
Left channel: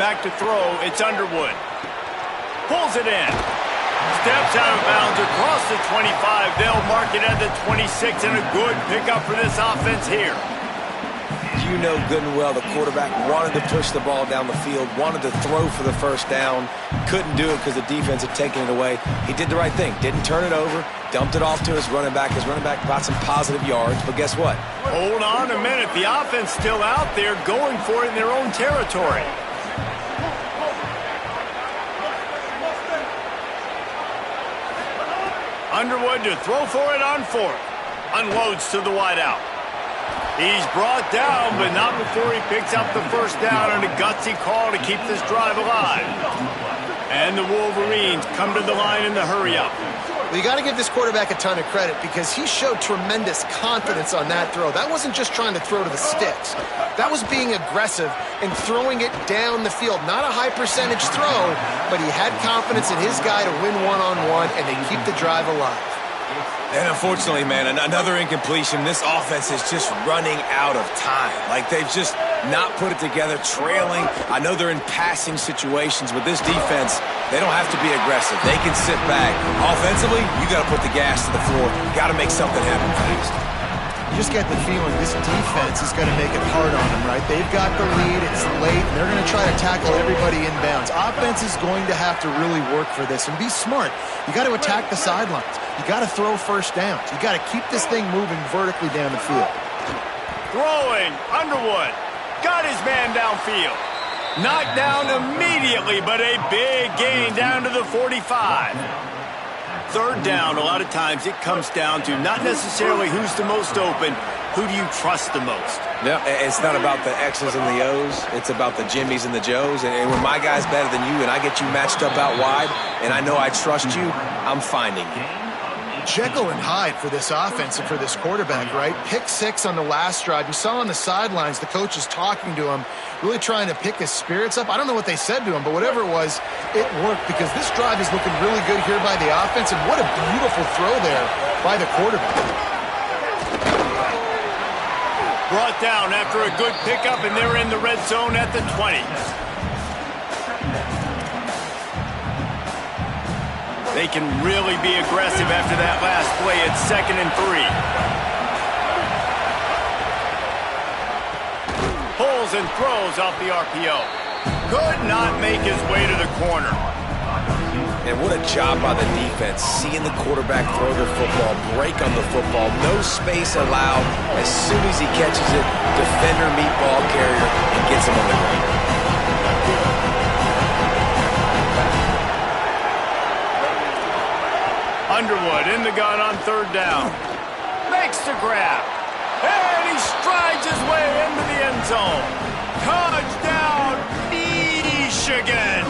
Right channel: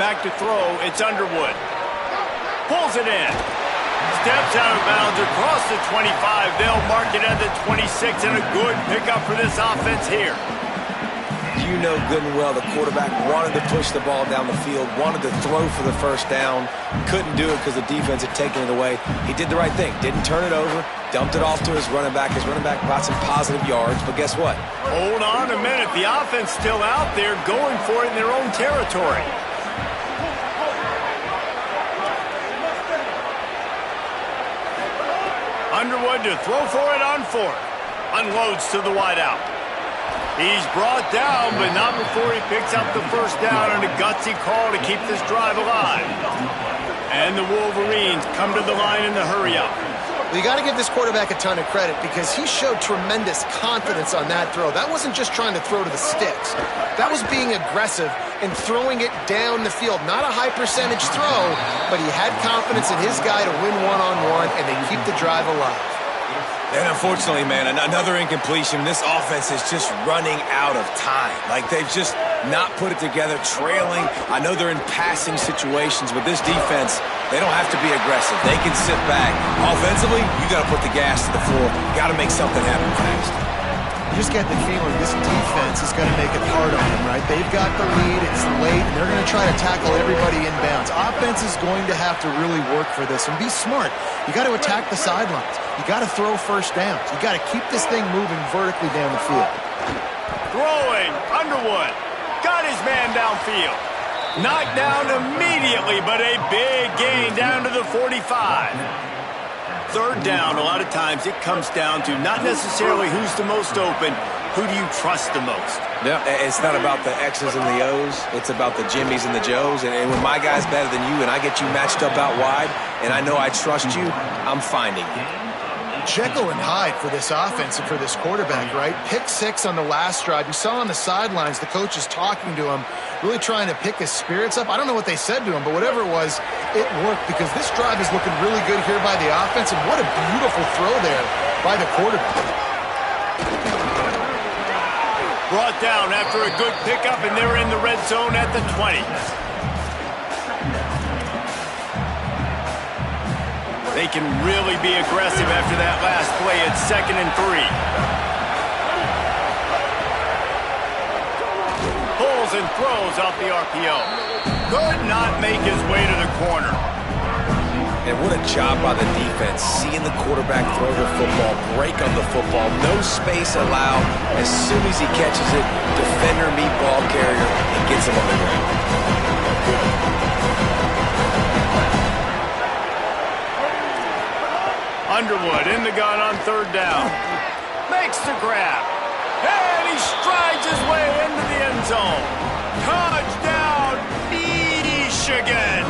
Back to throw, it's Underwood. Pulls it in. Steps out of bounds across the 25. They'll mark it at the 26, and a good pickup for this offense here. You know good and well the quarterback wanted to push the ball down the field, wanted to throw for the first down, couldn't do it because the defense had taken it away. He did the right thing, didn't turn it over, dumped it off to his running back. His running back got some positive yards, but guess what? Hold on a minute. The offense still out there going for it in their own territory. Underwood to throw for it on fourth. Unloads to the wideout. He's brought down, but not before he picks up the first down on a gutsy call to keep this drive alive. And the Wolverines come to the line in the hurry-up. Well, you got to give this quarterback a ton of credit because he showed tremendous confidence on that throw. That wasn't just trying to throw to the sticks. That was being aggressive and throwing it down the field. Not a high percentage throw, but he had confidence in his guy to win one-on-one, and they keep the drive alive. And unfortunately, man, another incompletion. This offense is just running out of time. Like, they've just not put it together, trailing. I know they're in passing situations, but this defense, they don't have to be aggressive. They can sit back. Offensively, you got to put the gas to the floor. Got to make something happen fast. You just get the feeling this defense is going to make it hard on them, right? They've got the lead, it's late, and they're going to try to tackle everybody inbounds. Offense is going to have to really work for this and be smart. You got to attack the sidelines. You got to throw first downs. You got to keep this thing moving vertically down the field. Throwing, Underwood. Got his man downfield. Knocked down immediately, but a big gain down to the 45. Third down, a lot of times it comes down to not necessarily who's the most open, who do you trust the most? Yeah, it's not about the X's and the O's. It's about the Jimmies and the Joes. And when my guy's better than you and I get you matched up out wide and I know I trust you, I'm finding you. Jekyll and Hyde for this offense and for this quarterback, right? Pick 6 on the last drive. You saw on the sidelines the coach is talking to him, really trying to pick his spirits up. I don't know what they said to him, but whatever it was, it worked because this drive is looking really good here by the offense, and what a beautiful throw there by the quarterback. Brought down after a good pickup, and they're in the red zone at the 20. They can really be aggressive after that last play. It's 2nd and 3. Pulls and throws off the RPO. Could not make his way to the corner. And what a job by the defense, seeing the quarterback throw the football, break on the football, no space allowed. As soon as he catches it, defender meet ball carrier and gets him on the ground. Underwood in the gun on third down. Makes the grab. And he strides his way into the end zone. Touchdown, Michigan.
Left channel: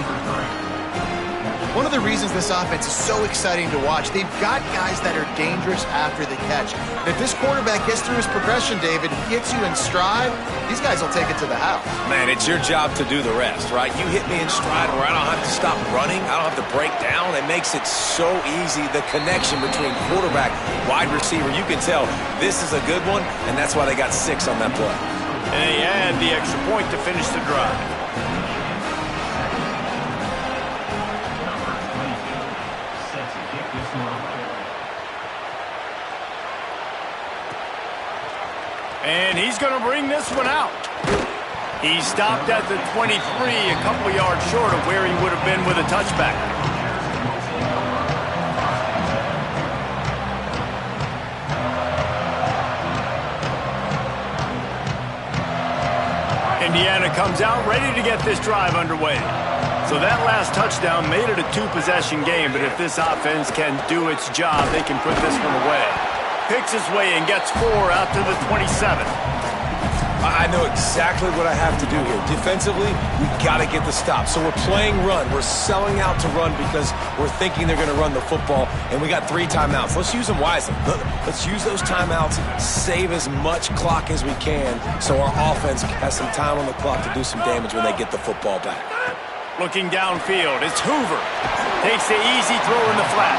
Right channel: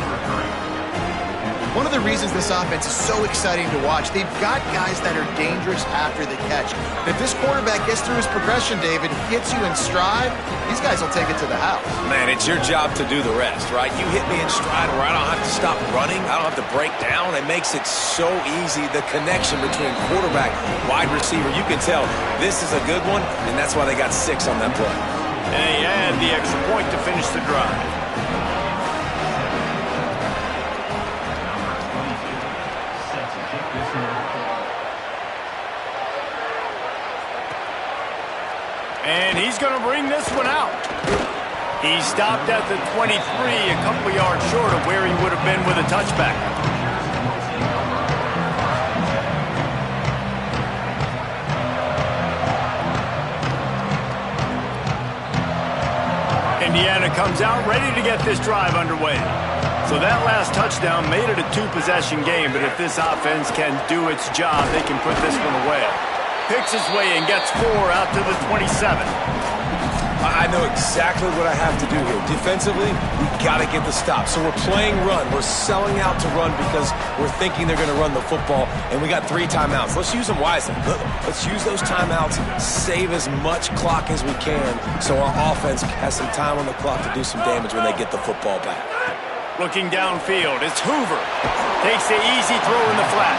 One of the reasons this offense is so exciting to watch, they've got guys that are dangerous after the catch. And if this quarterback gets through his progression, David, gets you in stride, these guys will take it to the house. Man, it's your job to do the rest, right? You hit me in stride where I don't have to stop running. I don't have to break down. It makes it so easy, the connection between quarterback, wide receiver. You can tell this is a good one, and that's why they got 6 on that play. And they add the extra point to finish the drive. And he's going to bring this one out. He stopped at the 23, a couple yards short of where he would have been with a touchback. Indiana comes out ready to get this drive underway. So that last touchdown made it a two-possession game, but if this offense can do its job, they can put this one away. Picks his way and gets 4 out to the 27. I know exactly what I have to do here. Defensively, we got to get the stop. So we're playing run. We're selling out to run because we're thinking they're going to run the football, and we got 3 timeouts. Let's use them wisely. Let's use those timeouts, save as much clock as we can so our offense has some time on the clock to do some damage when they get the football back. Looking downfield, it's Hoover. Takes the easy throw in the flat.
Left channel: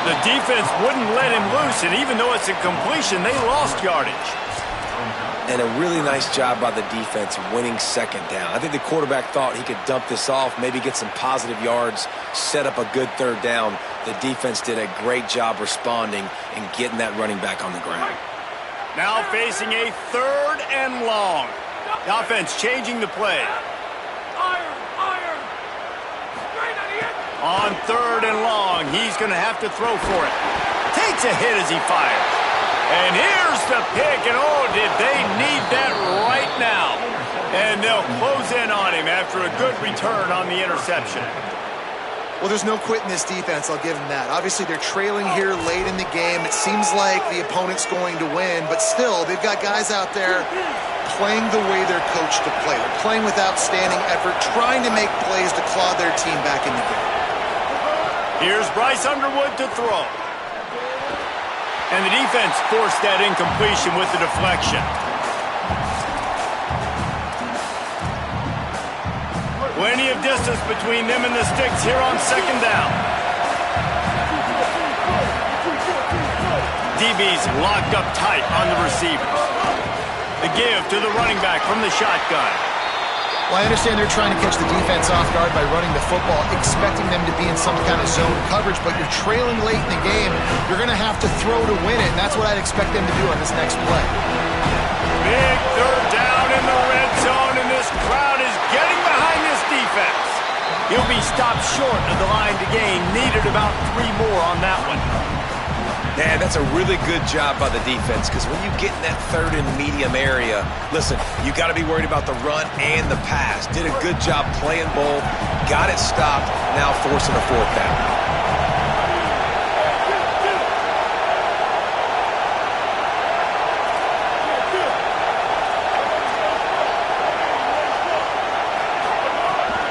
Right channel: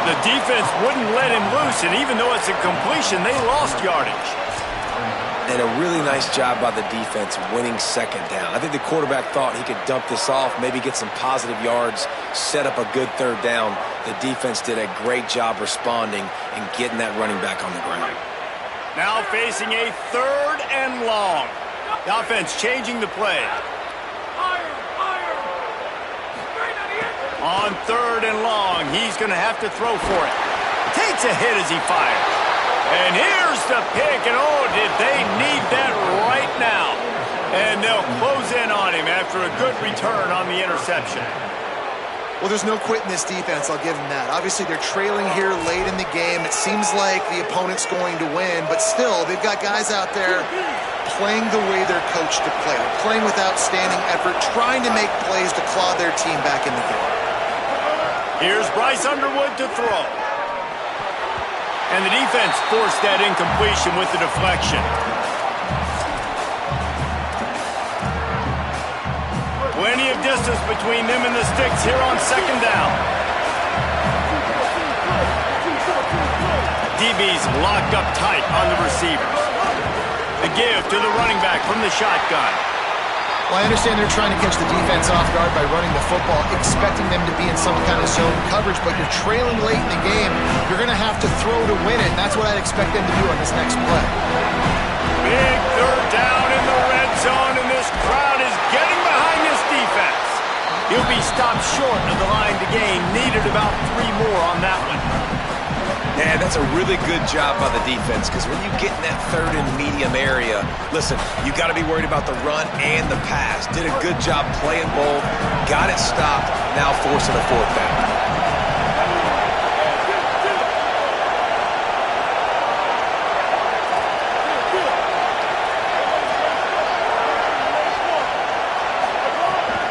The defense wouldn't let him loose, and even though it's a completion, they lost yardage. And a really nice job by the defense winning second down. I think the quarterback thought he could dump this off, maybe get some positive yards, set up a good third down. The defense did a great job responding and getting that running back on the ground. Now facing a 3rd and long. The offense changing the play. On 3rd and long, he's going to have to throw for it. Takes a hit as he fires. And here's the pick, and oh, did they need that right now. And they'll close in on him after a good return on the interception. Well, there's no quitting this defense, I'll give them that. Obviously, they're trailing here late in the game. It seems like the opponent's going to win, but still, they've got guys out there playing the way they're coached to play. They're playing with outstanding effort, trying to make plays to claw their team back in the game. Here's Bryce Underwood to throw. And the defense forced that incompletion with the deflection. Plenty of distance between them and the sticks here on 2nd down. DB's locked up tight on the receivers. The give to the running back from the shotgun. Well, I understand they're trying to catch the defense off guard by running the football, expecting them to be in some kind of zone coverage, but you're trailing late in the game. You're going to have to throw to win it, and that's what I'd expect them to do on this next play. Big 3rd down in the red zone, and this crowd is getting behind this defense. He'll be stopped short of the line to gain. Needed about 3 more on that one. Yeah, that's a really good job by the defense because when you get in that 3rd and medium area, listen, you got to be worried about the run and the pass. Did a good job playing both, got it stopped, now forcing a 4th down.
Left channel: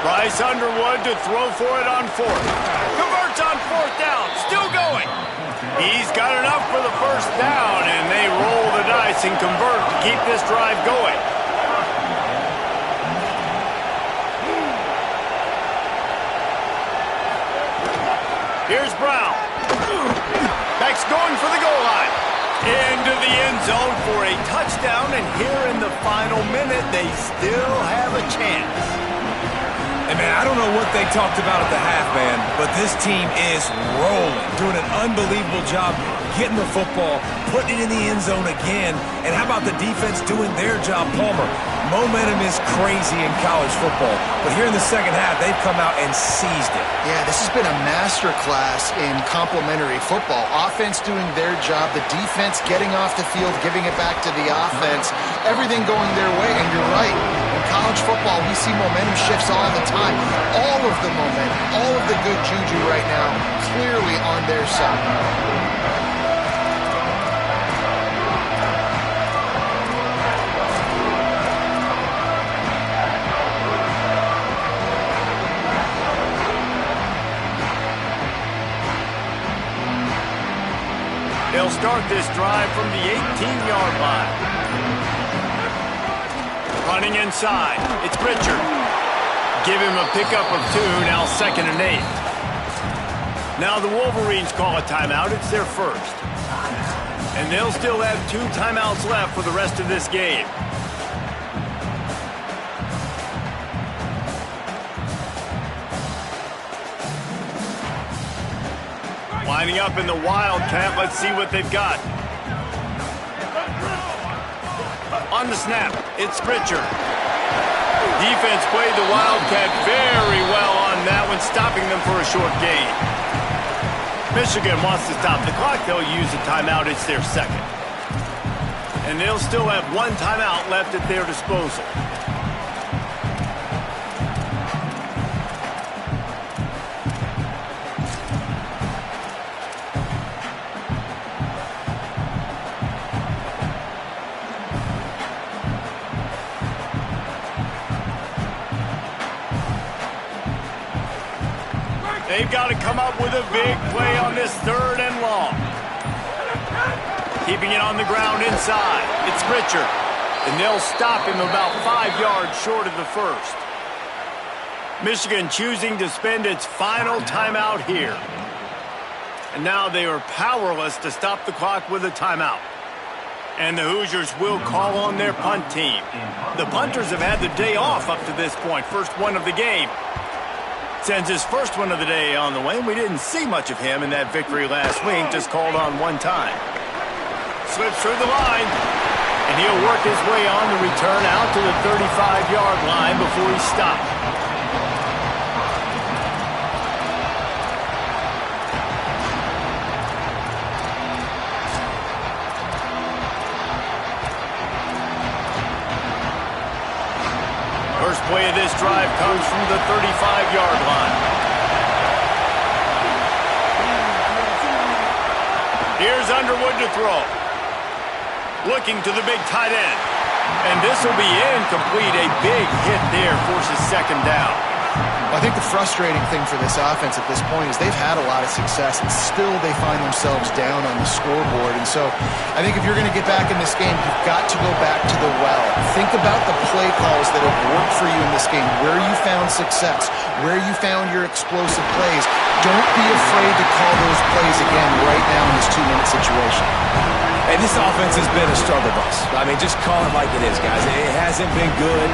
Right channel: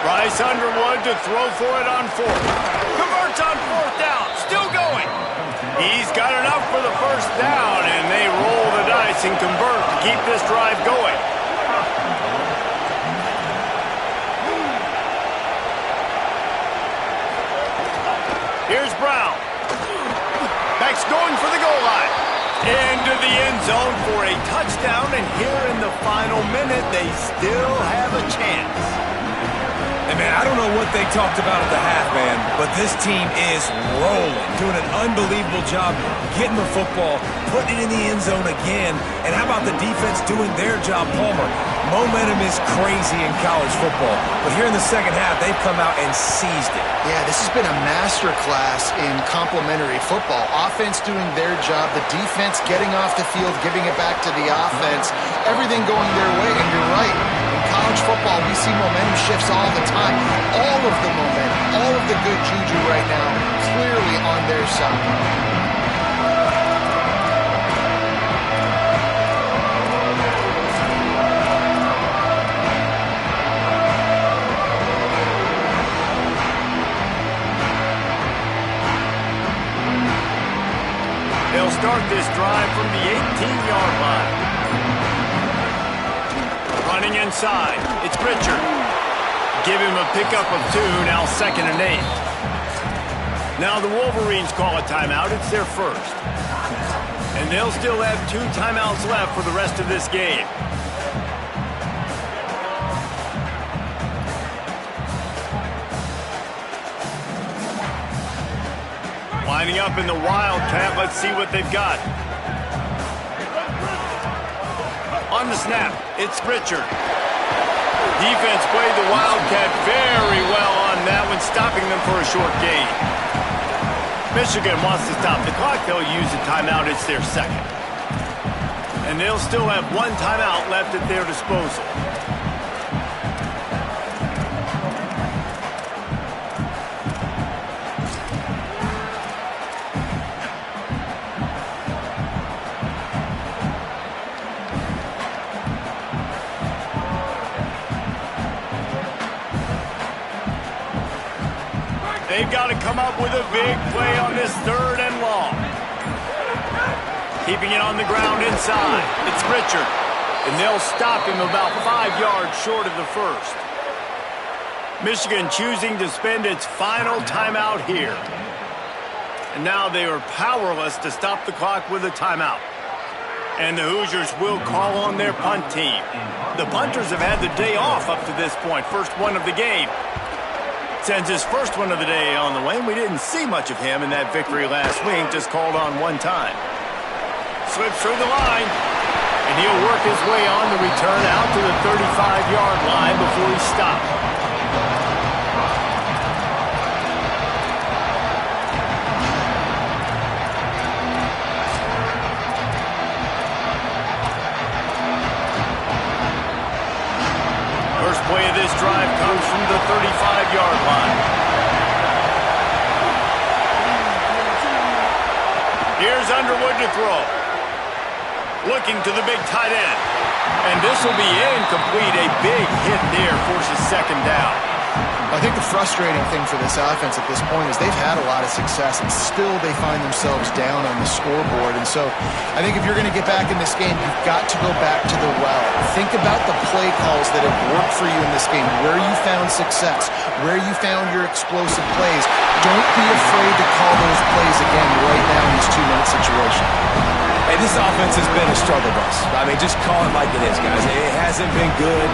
Bryce Underwood to throw for it on 4th. Converts on 4th down, still going. He's got enough for the 1st down, and they roll the dice and convert to keep this drive going. Here's Brown. Back's going for the goal line. Into the end zone for a touchdown, and here in the final minute, they still have a chance. And, man, I don't know what they talked about at the half, man, but this team is rolling, doing an unbelievable job getting the football, putting it in the end zone again. And how about the defense doing their job, Palmer? Momentum is crazy in college football, but here in the second half, they've come out and seized it. Yeah, this has been a masterclass in complementary football. Offense doing their job, the defense getting off the field, giving it back to the offense, everything going their way, and you're right. In college football, we see momentum shifts all the time. All of the momentum, all of the good juju right now, clearly on their side. They'll start this drive from the 18-yard line. Running inside, it's Pritchard. Give him a pickup of 2, now 2nd and 8. Now the Wolverines call a timeout, it's their 1st. And they'll still have 2 timeouts left for the rest of this game. Lining up in the Wildcat, let's see what they've got. On the snap, it's Richard. Defense played the Wildcat very well on that one, stopping them for a short gain. Michigan wants to stop the clock. They'll use a timeout. It's their second. And they'll still have one timeout left at their disposal. They've got to come up with a big play on this 3rd and long. Keeping it on the ground inside. It's Richard. And they'll stop him about 5 yards short of the first. Michigan choosing to spend its final timeout here. And now they are powerless to stop the clock with a timeout. And the Hoosiers will call on their punt team. The punters have had the day off up to this point. First one of the game. Sends his first one of the day on the way. We didn't see much of him in that victory last week, just called on one time. Slips through the line, and he'll work his way on the return out to the 35-yard line before he stopped. First play of this drive comes from the 35-yard line. Here's Underwood to throw. Looking to the big tight end. And this will be incomplete. A big hit there forces second down. I think the frustrating thing for this offense at this point is they've had a lot of success, and still they find themselves down on the scoreboard. And so I think if you're going to get back in this game, you've got to go back to the well. Think about the play calls that have worked for you in this game, where you found success, where you found your explosive plays. Don't be afraid to call those plays again right now in this 2-minute situation. Hey, this offense has been a struggle bus. I mean, just call it like it is, guys. It hasn't been good,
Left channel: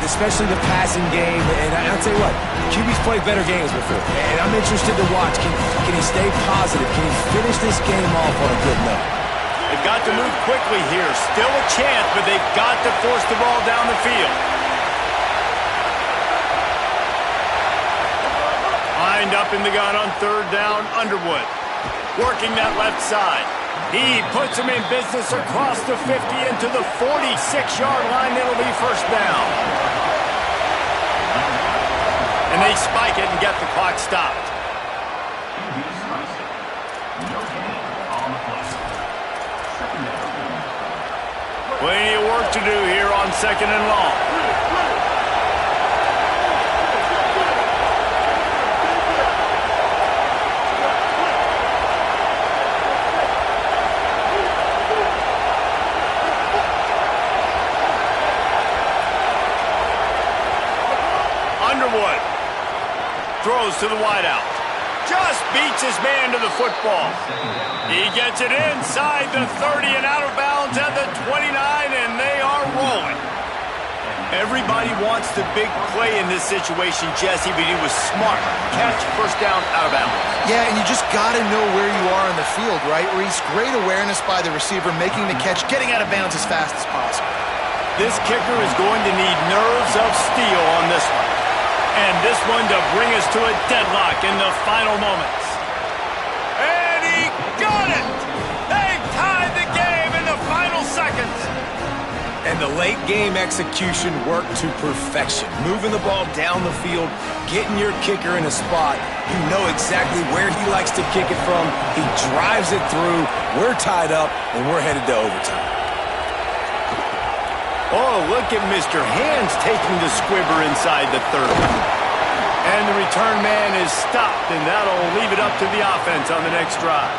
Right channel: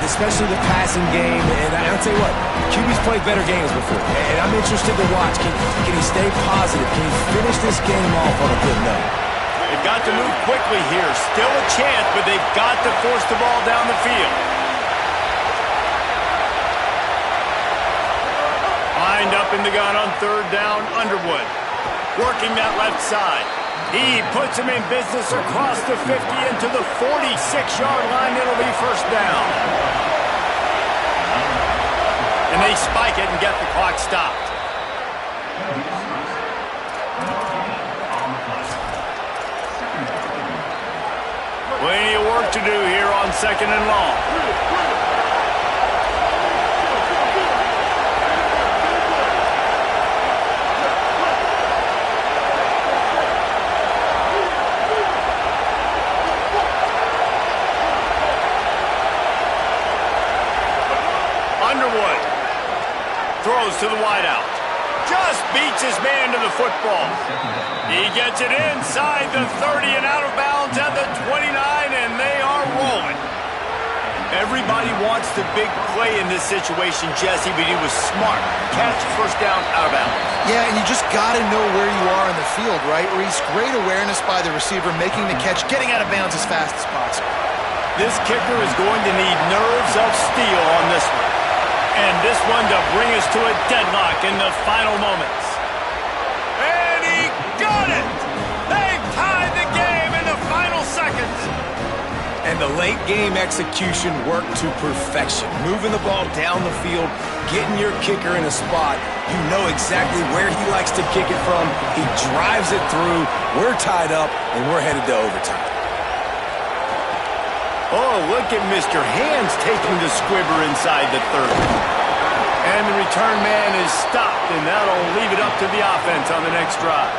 especially the passing game. And I'll tell you what, QB's played better games before. And I'm interested to watch. Can he stay positive? Can he finish this game off on a good note? They've got to move quickly here. Still a chance, but they've got to force the ball down the field. Lined up in the gun on 3rd down, Underwood. Working that left side. He puts him in business across the 50 into the 46-yard line. It'll be first down. And they spike it and get the clock stopped. Plenty of work to do here on 2nd and long. Underwood throws to the wideout. Just beats his man to the football. He gets it inside the 30 and out of bounds at the 29, and they are rolling. Everybody wants the big play in this situation, Jesse, but he was smart. Catch, first down, out of bounds. Yeah, and you just got to know where you are on the field, right, Reese? Great awareness by the receiver, making the catch, getting out of bounds as fast as possible. This kicker is going to need nerves of steel on this one. And this one to bring us to a deadlock in the final moments. And he got it! They've tied the game in the final seconds. And the late game execution worked to perfection. Moving the ball down the field, getting your kicker in a spot. You know exactly where he likes to kick it from. He drives it through. We're tied up, and we're headed to overtime. Oh, look at Mr. Hands taking the squibber inside the 30. And the return man is stopped, and that'll leave it up to the offense on the next drive.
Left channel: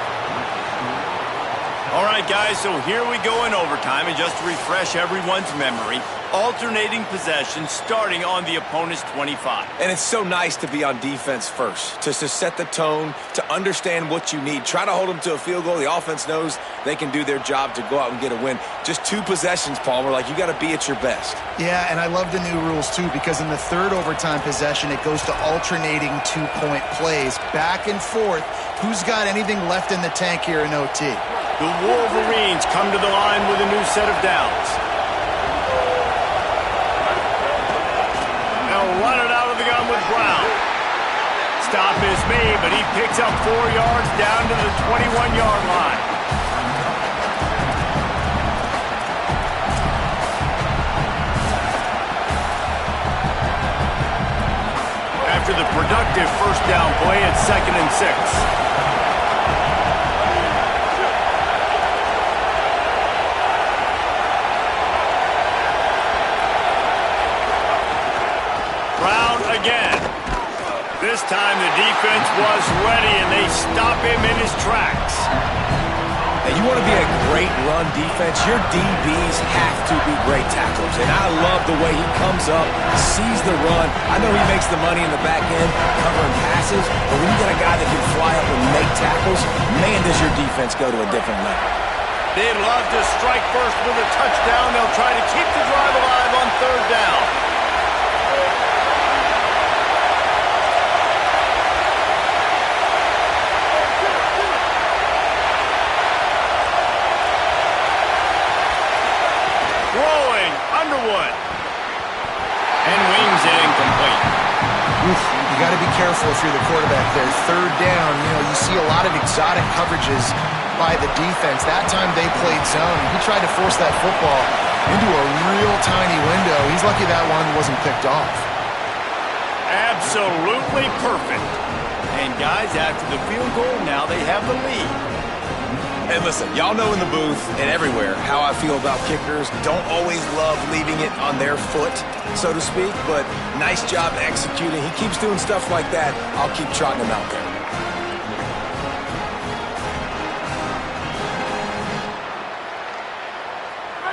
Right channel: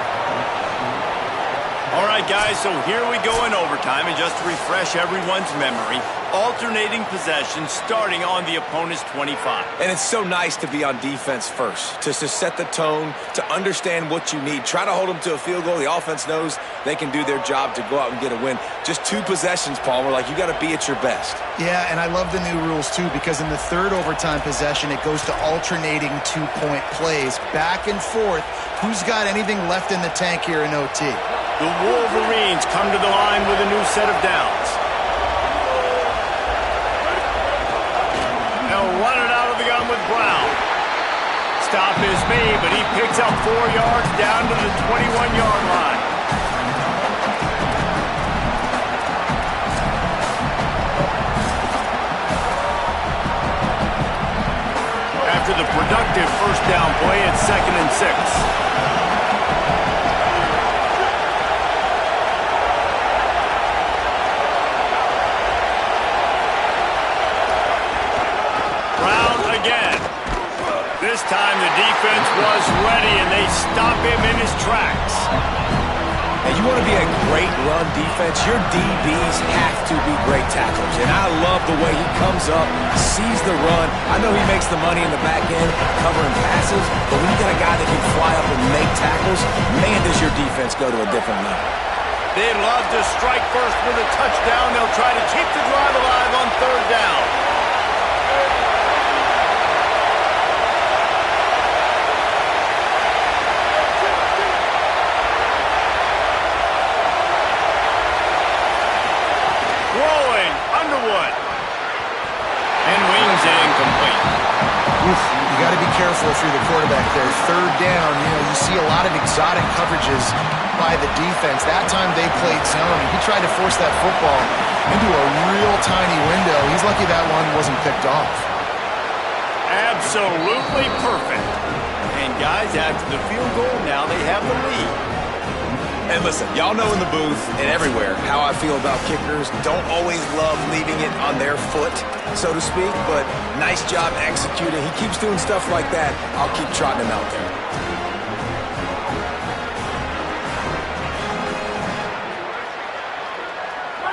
All right, guys, so here we go in overtime, and just to refresh everyone's memory, alternating possession starting on the opponent's 25. And it's so nice to be on defense first, to set the tone, to understand what you need. Try to hold them to a field goal. The offense knows they can do their job to go out and get a win. Just 2 possessions, Paul. We're like, you got to be at your best. Yeah, and I love the new rules, too, because in the 3rd overtime possession, it goes to alternating 2-point plays, back and forth. Who's got anything left in the tank here in OT? The Wolverines come to the line with a new set of downs. They'll run it out of the gun with Brown. Stop is made, but he picks up 4 yards down to the 21-yard line. After the productive first down play, it's 2nd and 6. Brown again. This time the defense was ready, and they stop him in his tracks. Now, you want to be a great run defense, your DBs have to be great tacklers. And I love the way he comes up, sees the run. I know he makes the money in the back end covering passes, but when you got a guy that can fly up and make tackles, man, does your defense go to a different level. They love to strike first with a touchdown. They'll try to keep the drive alive on 3rd down. Throwing, Underwood. And wings it incomplete. Oof, you got to be careful if you're the quarterback there. 3rd down, you see a lot of exotic coverages by the defense. That time they played zone, and he tried to force that football into a real tiny window. He's lucky that one wasn't picked off. Absolutely perfect. And guys, after the field goal, now they have the lead. And listen, y'all know in the booth and everywhere how I feel about kickers. Don't always love leaving it on their foot, so to speak, but nice job executing. He keeps doing stuff like that. I'll keep trotting him out there.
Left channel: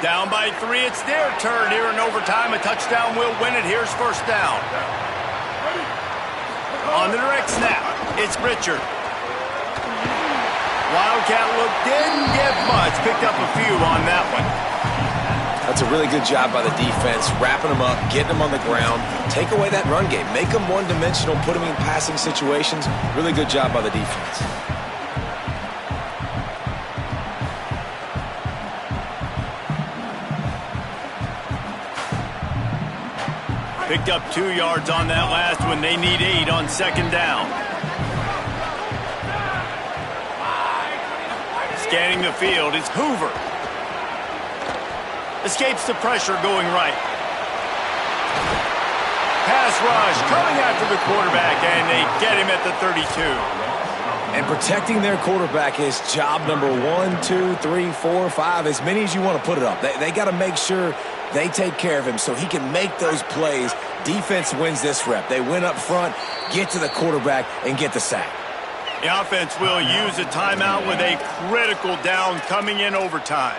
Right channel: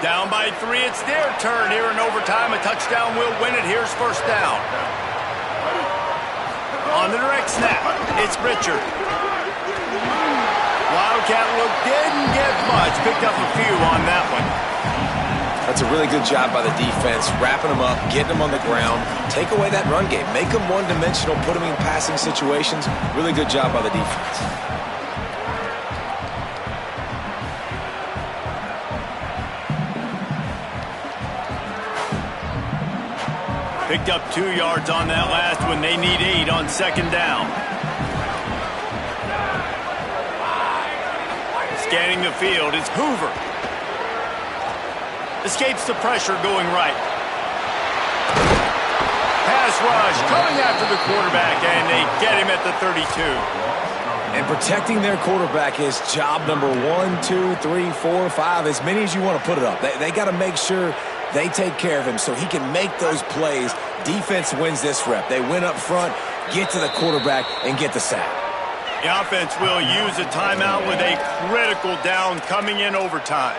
Down by 3, it's their turn here in overtime. A touchdown will win it. Here's 1st down. On the direct snap, it's Richard. Wildcat look didn't get much. Picked up a few on that one. That's a really good job by the defense, wrapping them up, getting them on the ground. Take away that run game. Make them one-dimensional, put them in passing situations. Really good job by the defense. Picked up 2 yards on that last one. They need 8 on 2nd down. Scanning the field, it's Hoover. Escapes the pressure going right. Pass rush coming after the quarterback, and they get him at the 32. And protecting their quarterback is job number 1, 2, 3, 4, 5, as many as you want to put it up. They got to make sure they take care of him so he can make those plays. Defense wins this rep. They win up front, get to the quarterback, and get the sack. The offense will use a timeout with a critical down coming in overtime.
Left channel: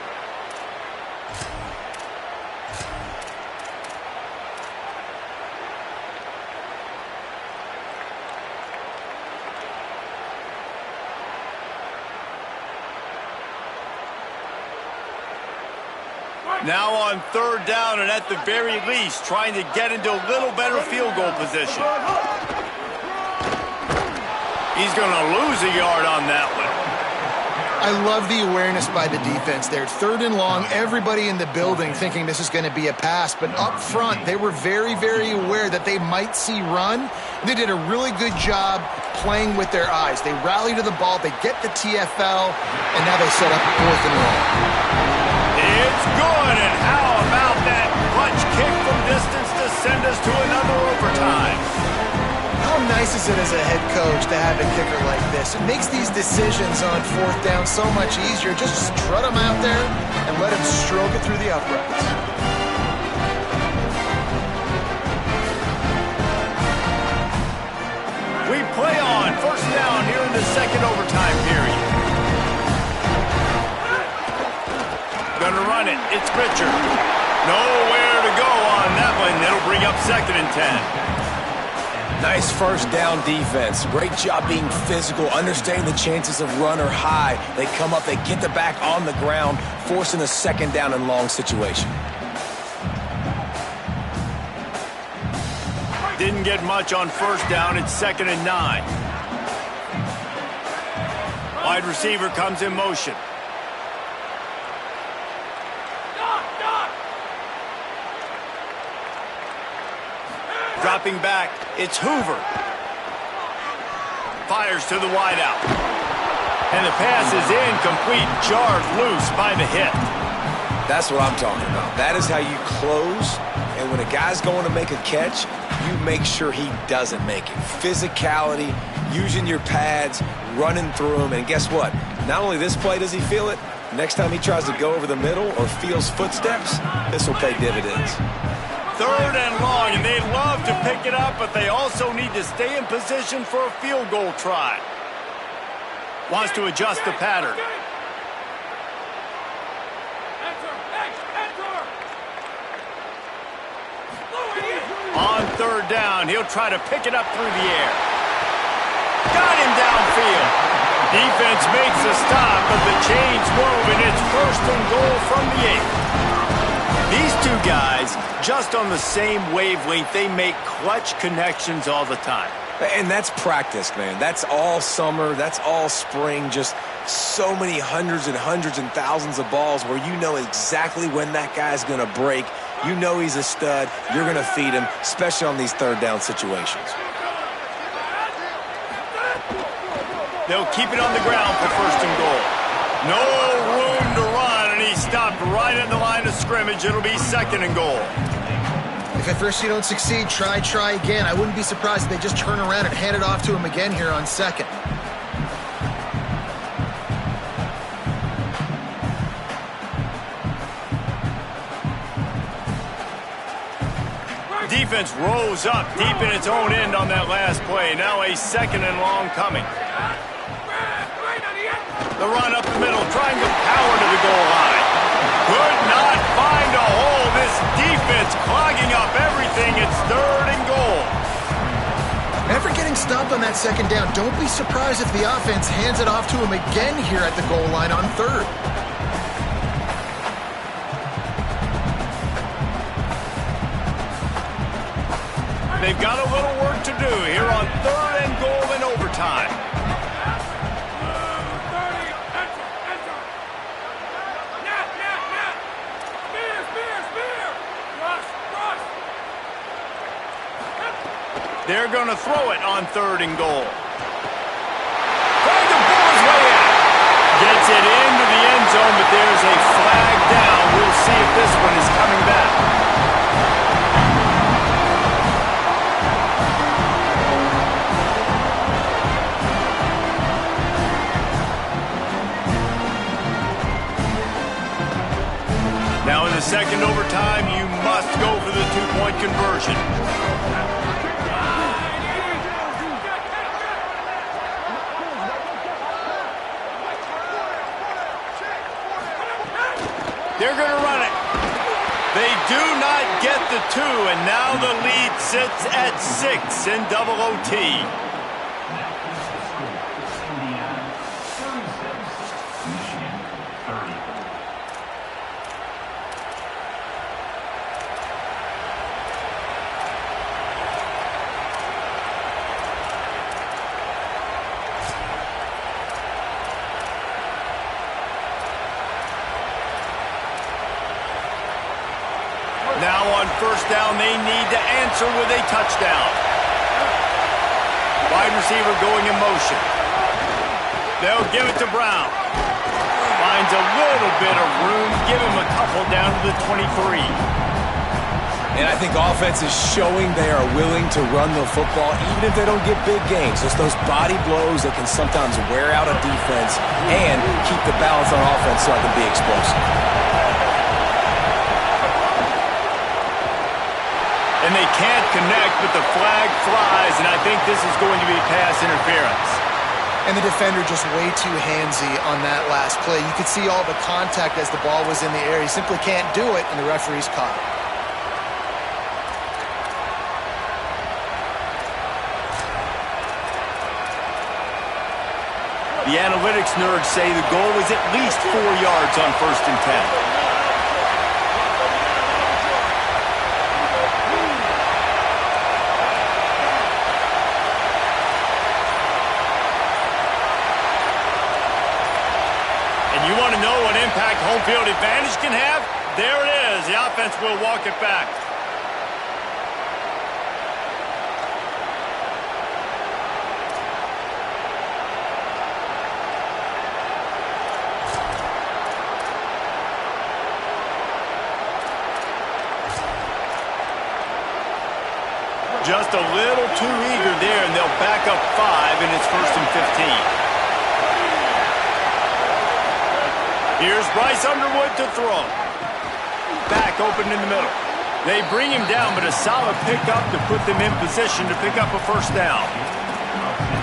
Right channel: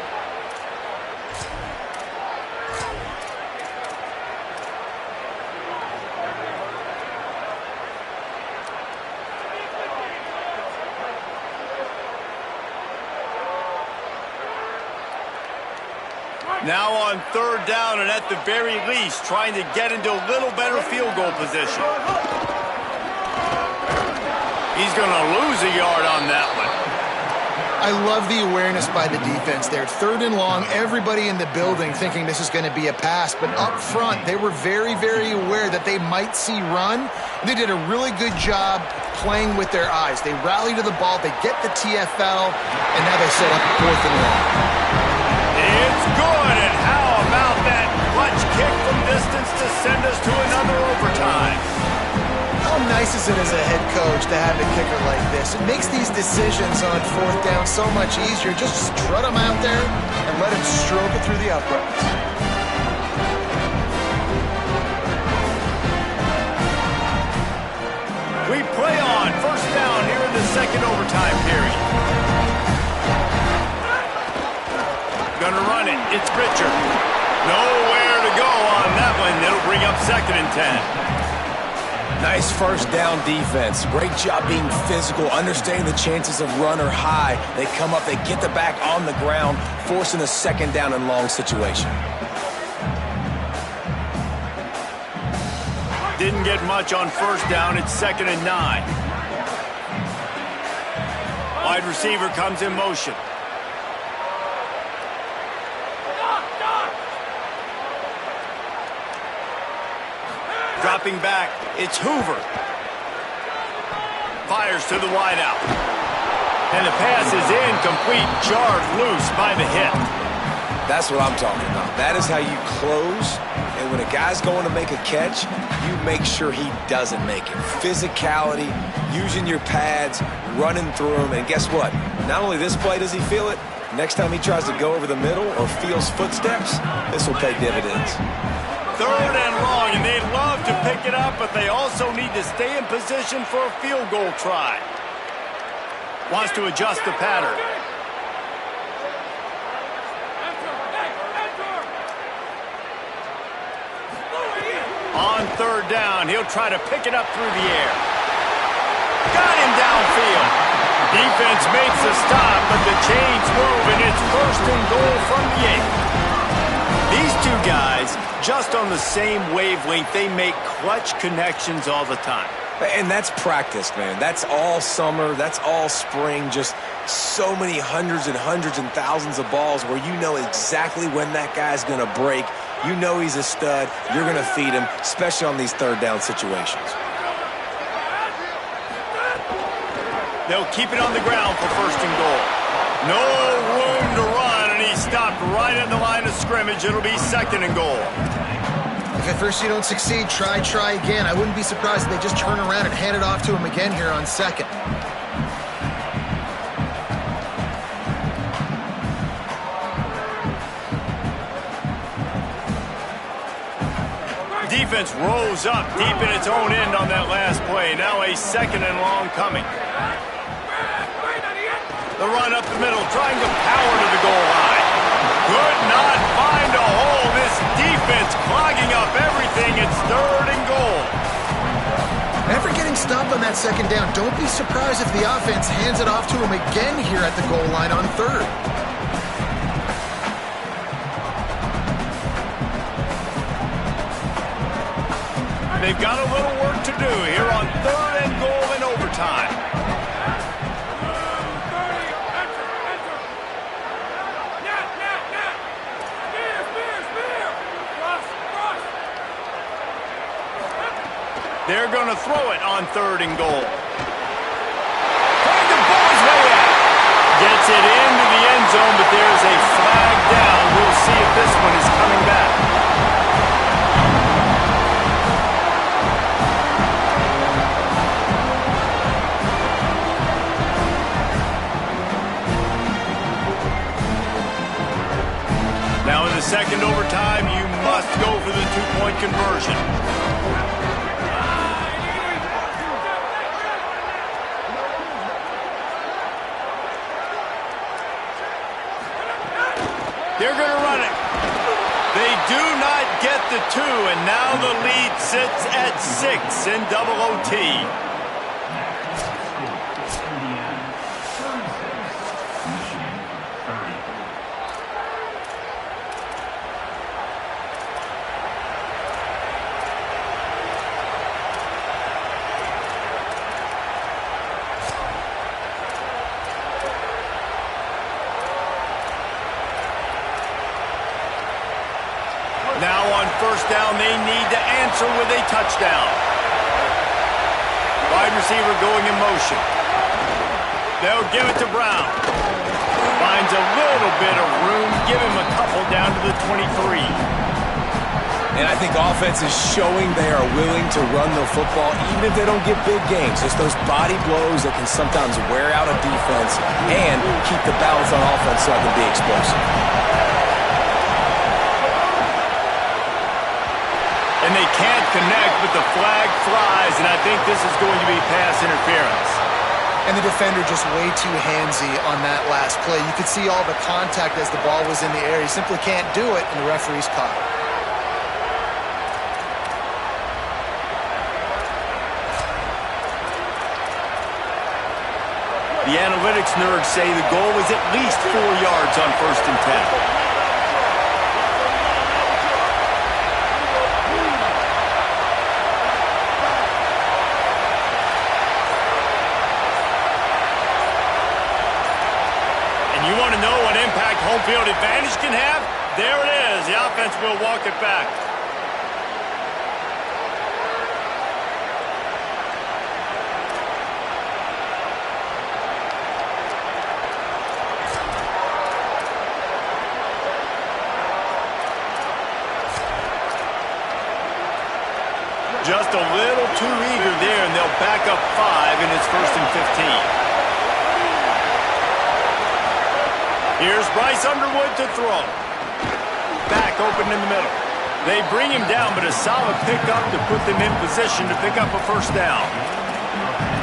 Now on 3rd down, and at the very least, trying to get into a little better field goal position. He's going to lose a yard on that one. I love the awareness by the defense there. 3rd and long, everybody in the building thinking this is going to be a pass, but up front, they were very, very aware that they might see run. They did a really good job playing with their eyes. They rally to the ball, they get the TFL, and now they set up 4th and long. It's good, and how about that clutch kick from distance to send us to another overtime? How nice is it as a head coach to have a kicker like this? It makes these decisions on 4th down so much easier. Just strut him out there and let him stroke it through the uprights. We play on 1st down here in the 2nd overtime period. Gonna run it. It's Richard. Nowhere to go on that one. It'll bring up 2nd and 10. Nice 1st down defense. Great job being physical, understanding the chances of run are high. They come up, they get the back on the ground, forcing a 2nd down and long situation. Didn't get much on 1st down. It's 2nd and 9. Wide receiver comes in motion. Dropping back, it's Hoover. Fires to the wideout. And the pass is incomplete, jarred loose by the hit. That's what I'm talking about. That is how you close. And when a guy's going to make a catch, you make sure he doesn't make it. Physicality, using your pads, running through them. And guess what? Not only this play does he feel it, next time he tries to go over the middle or feels footsteps, this will pay dividends. 3rd and long, and they'd love to pick it up, but they also need to stay in position for a field goal try. Wants to adjust the pattern. On 3rd down, he'll try to pick it up through the air. Got him downfield. Defense makes a stop, but the chains move, and it's 1st and goal from the 8. These two guys, just on the same wavelength, they make clutch connections all the time. And that's practice, man. That's all summer. That's all spring. Just so many hundreds and thousands of balls where you know exactly when that guy's going to break. You know he's a stud. You're going to feed him, especially on these 3rd down situations. They'll keep it on the ground for 1st and goal. No room to run, and he stopped right at the line of scrimmage. It'll be 2nd and goal. If at first you don't succeed, try again. I wouldn't be surprised if they just turn around and hand it off to him again here on 2nd. Defense rose up deep in its own end on that last play. Now a 2nd and long coming. The run up the middle, trying to power to the goal line. Could not find a hole. This defense clogging up everything. It's 3rd and goal. After getting stopped on that 2nd down, don't be surprised if the offense hands it off to him again here at the goal line on 3rd. They've got a little work to do here on 3rd and goal in overtime. They're going to throw it on 3rd and goal. Trying to pull his way out. Gets it into the end zone, but there's a flag down. We'll see if this one is coming back. Now in the 2nd overtime, you must go for the 2-point conversion. They're going to run it. They do not get the 2, and now the lead sits at 6 in double OT. Now on 1st down, they need to answer with a touchdown. Wide receiver going in motion. They'll give it to Brown. Finds a little bit of room. Give him a couple down to the 23. And I think offense is showing they are willing to run the football, even if they don't get big gains. Just those body blows that can sometimes wear out a defense and keep the balance on offense so I can be explosive. And they can't connect, but the flag flies, and I think this is going to be pass interference. And the defender just way too handsy on that last play. You could see all the contact as the ball was in the air. He simply can't do it, and the referee's caught it. The analytics nerds say the goal is at least 4 yards on 1st and 10. You want to know what impact home field advantage can have? There it is. The offense will walk it back. Just a little too eager there, and they'll back up 5, and it's 1st and 15. Here's Bryce Underwood to throw. Back open in the middle. They bring him down, but a solid pickup to put them in position to pick up a 1st down.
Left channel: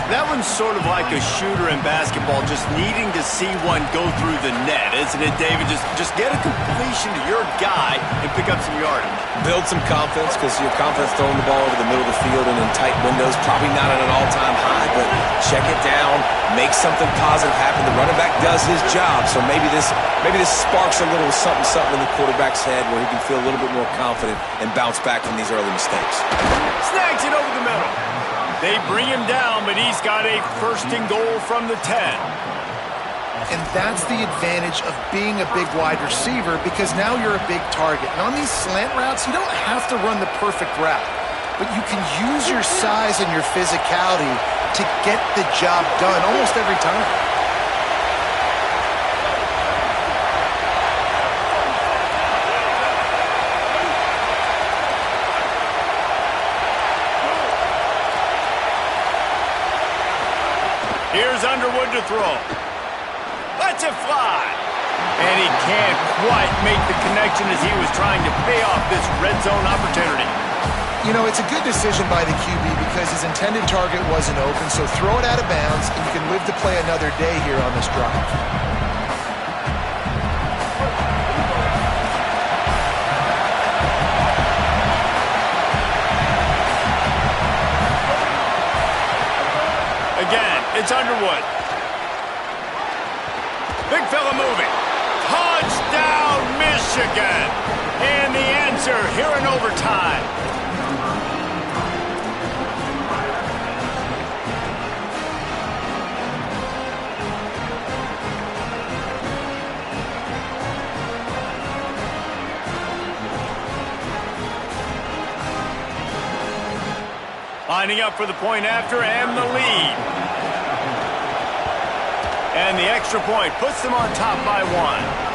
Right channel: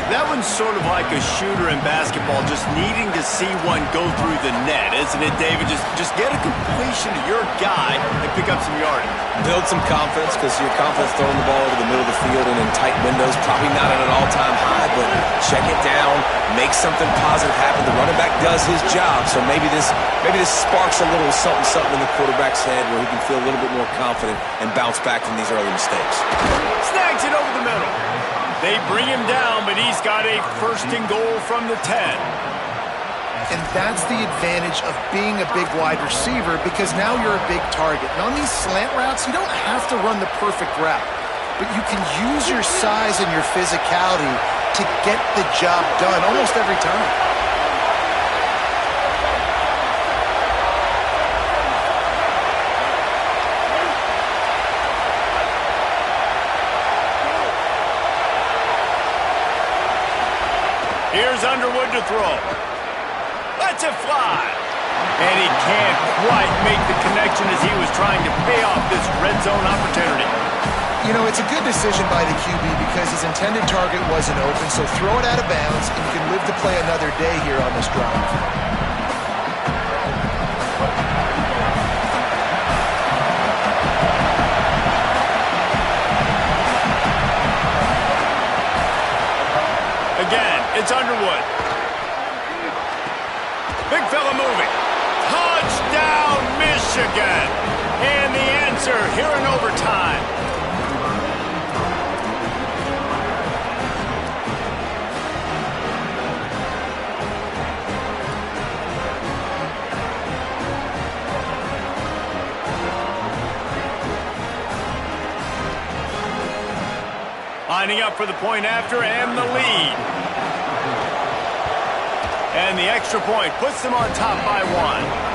That one's sort of like a shooter in basketball, just needing to see one go through the net, isn't it, David? Just get a completion to your guy and pick up some yardage. Build some confidence, because your confidence throwing the ball over the middle of the field and in tight windows, probably not at an all-time high, but check it down, make something positive happen. The running back does his job, so maybe this sparks a little something in the quarterback's head where he can feel a little bit more confident and bounce back from these early mistakes. Snags it over the middle. They bring him down, but he's got a 1st and goal from the 10. And that's the advantage of being a big wide receiver, because now you're a big target. And on these slant routes, you don't have to run the perfect route, but you can use your size and your physicality to get the job done almost every time. Here's Underwood to throw. Lets it fly. And he can't quite make the connection as he was trying to pay off this red zone opportunity. You know, it's a good decision by the QB because his intended target wasn't open, so throw it out of bounds, and you can live to play another day here on this drive. Again, it's Underwood. Big fella moving. Touchdown, Michigan. And the answer here in overtime. Lining up for the point after and the lead. And the extra point puts them on top by 1.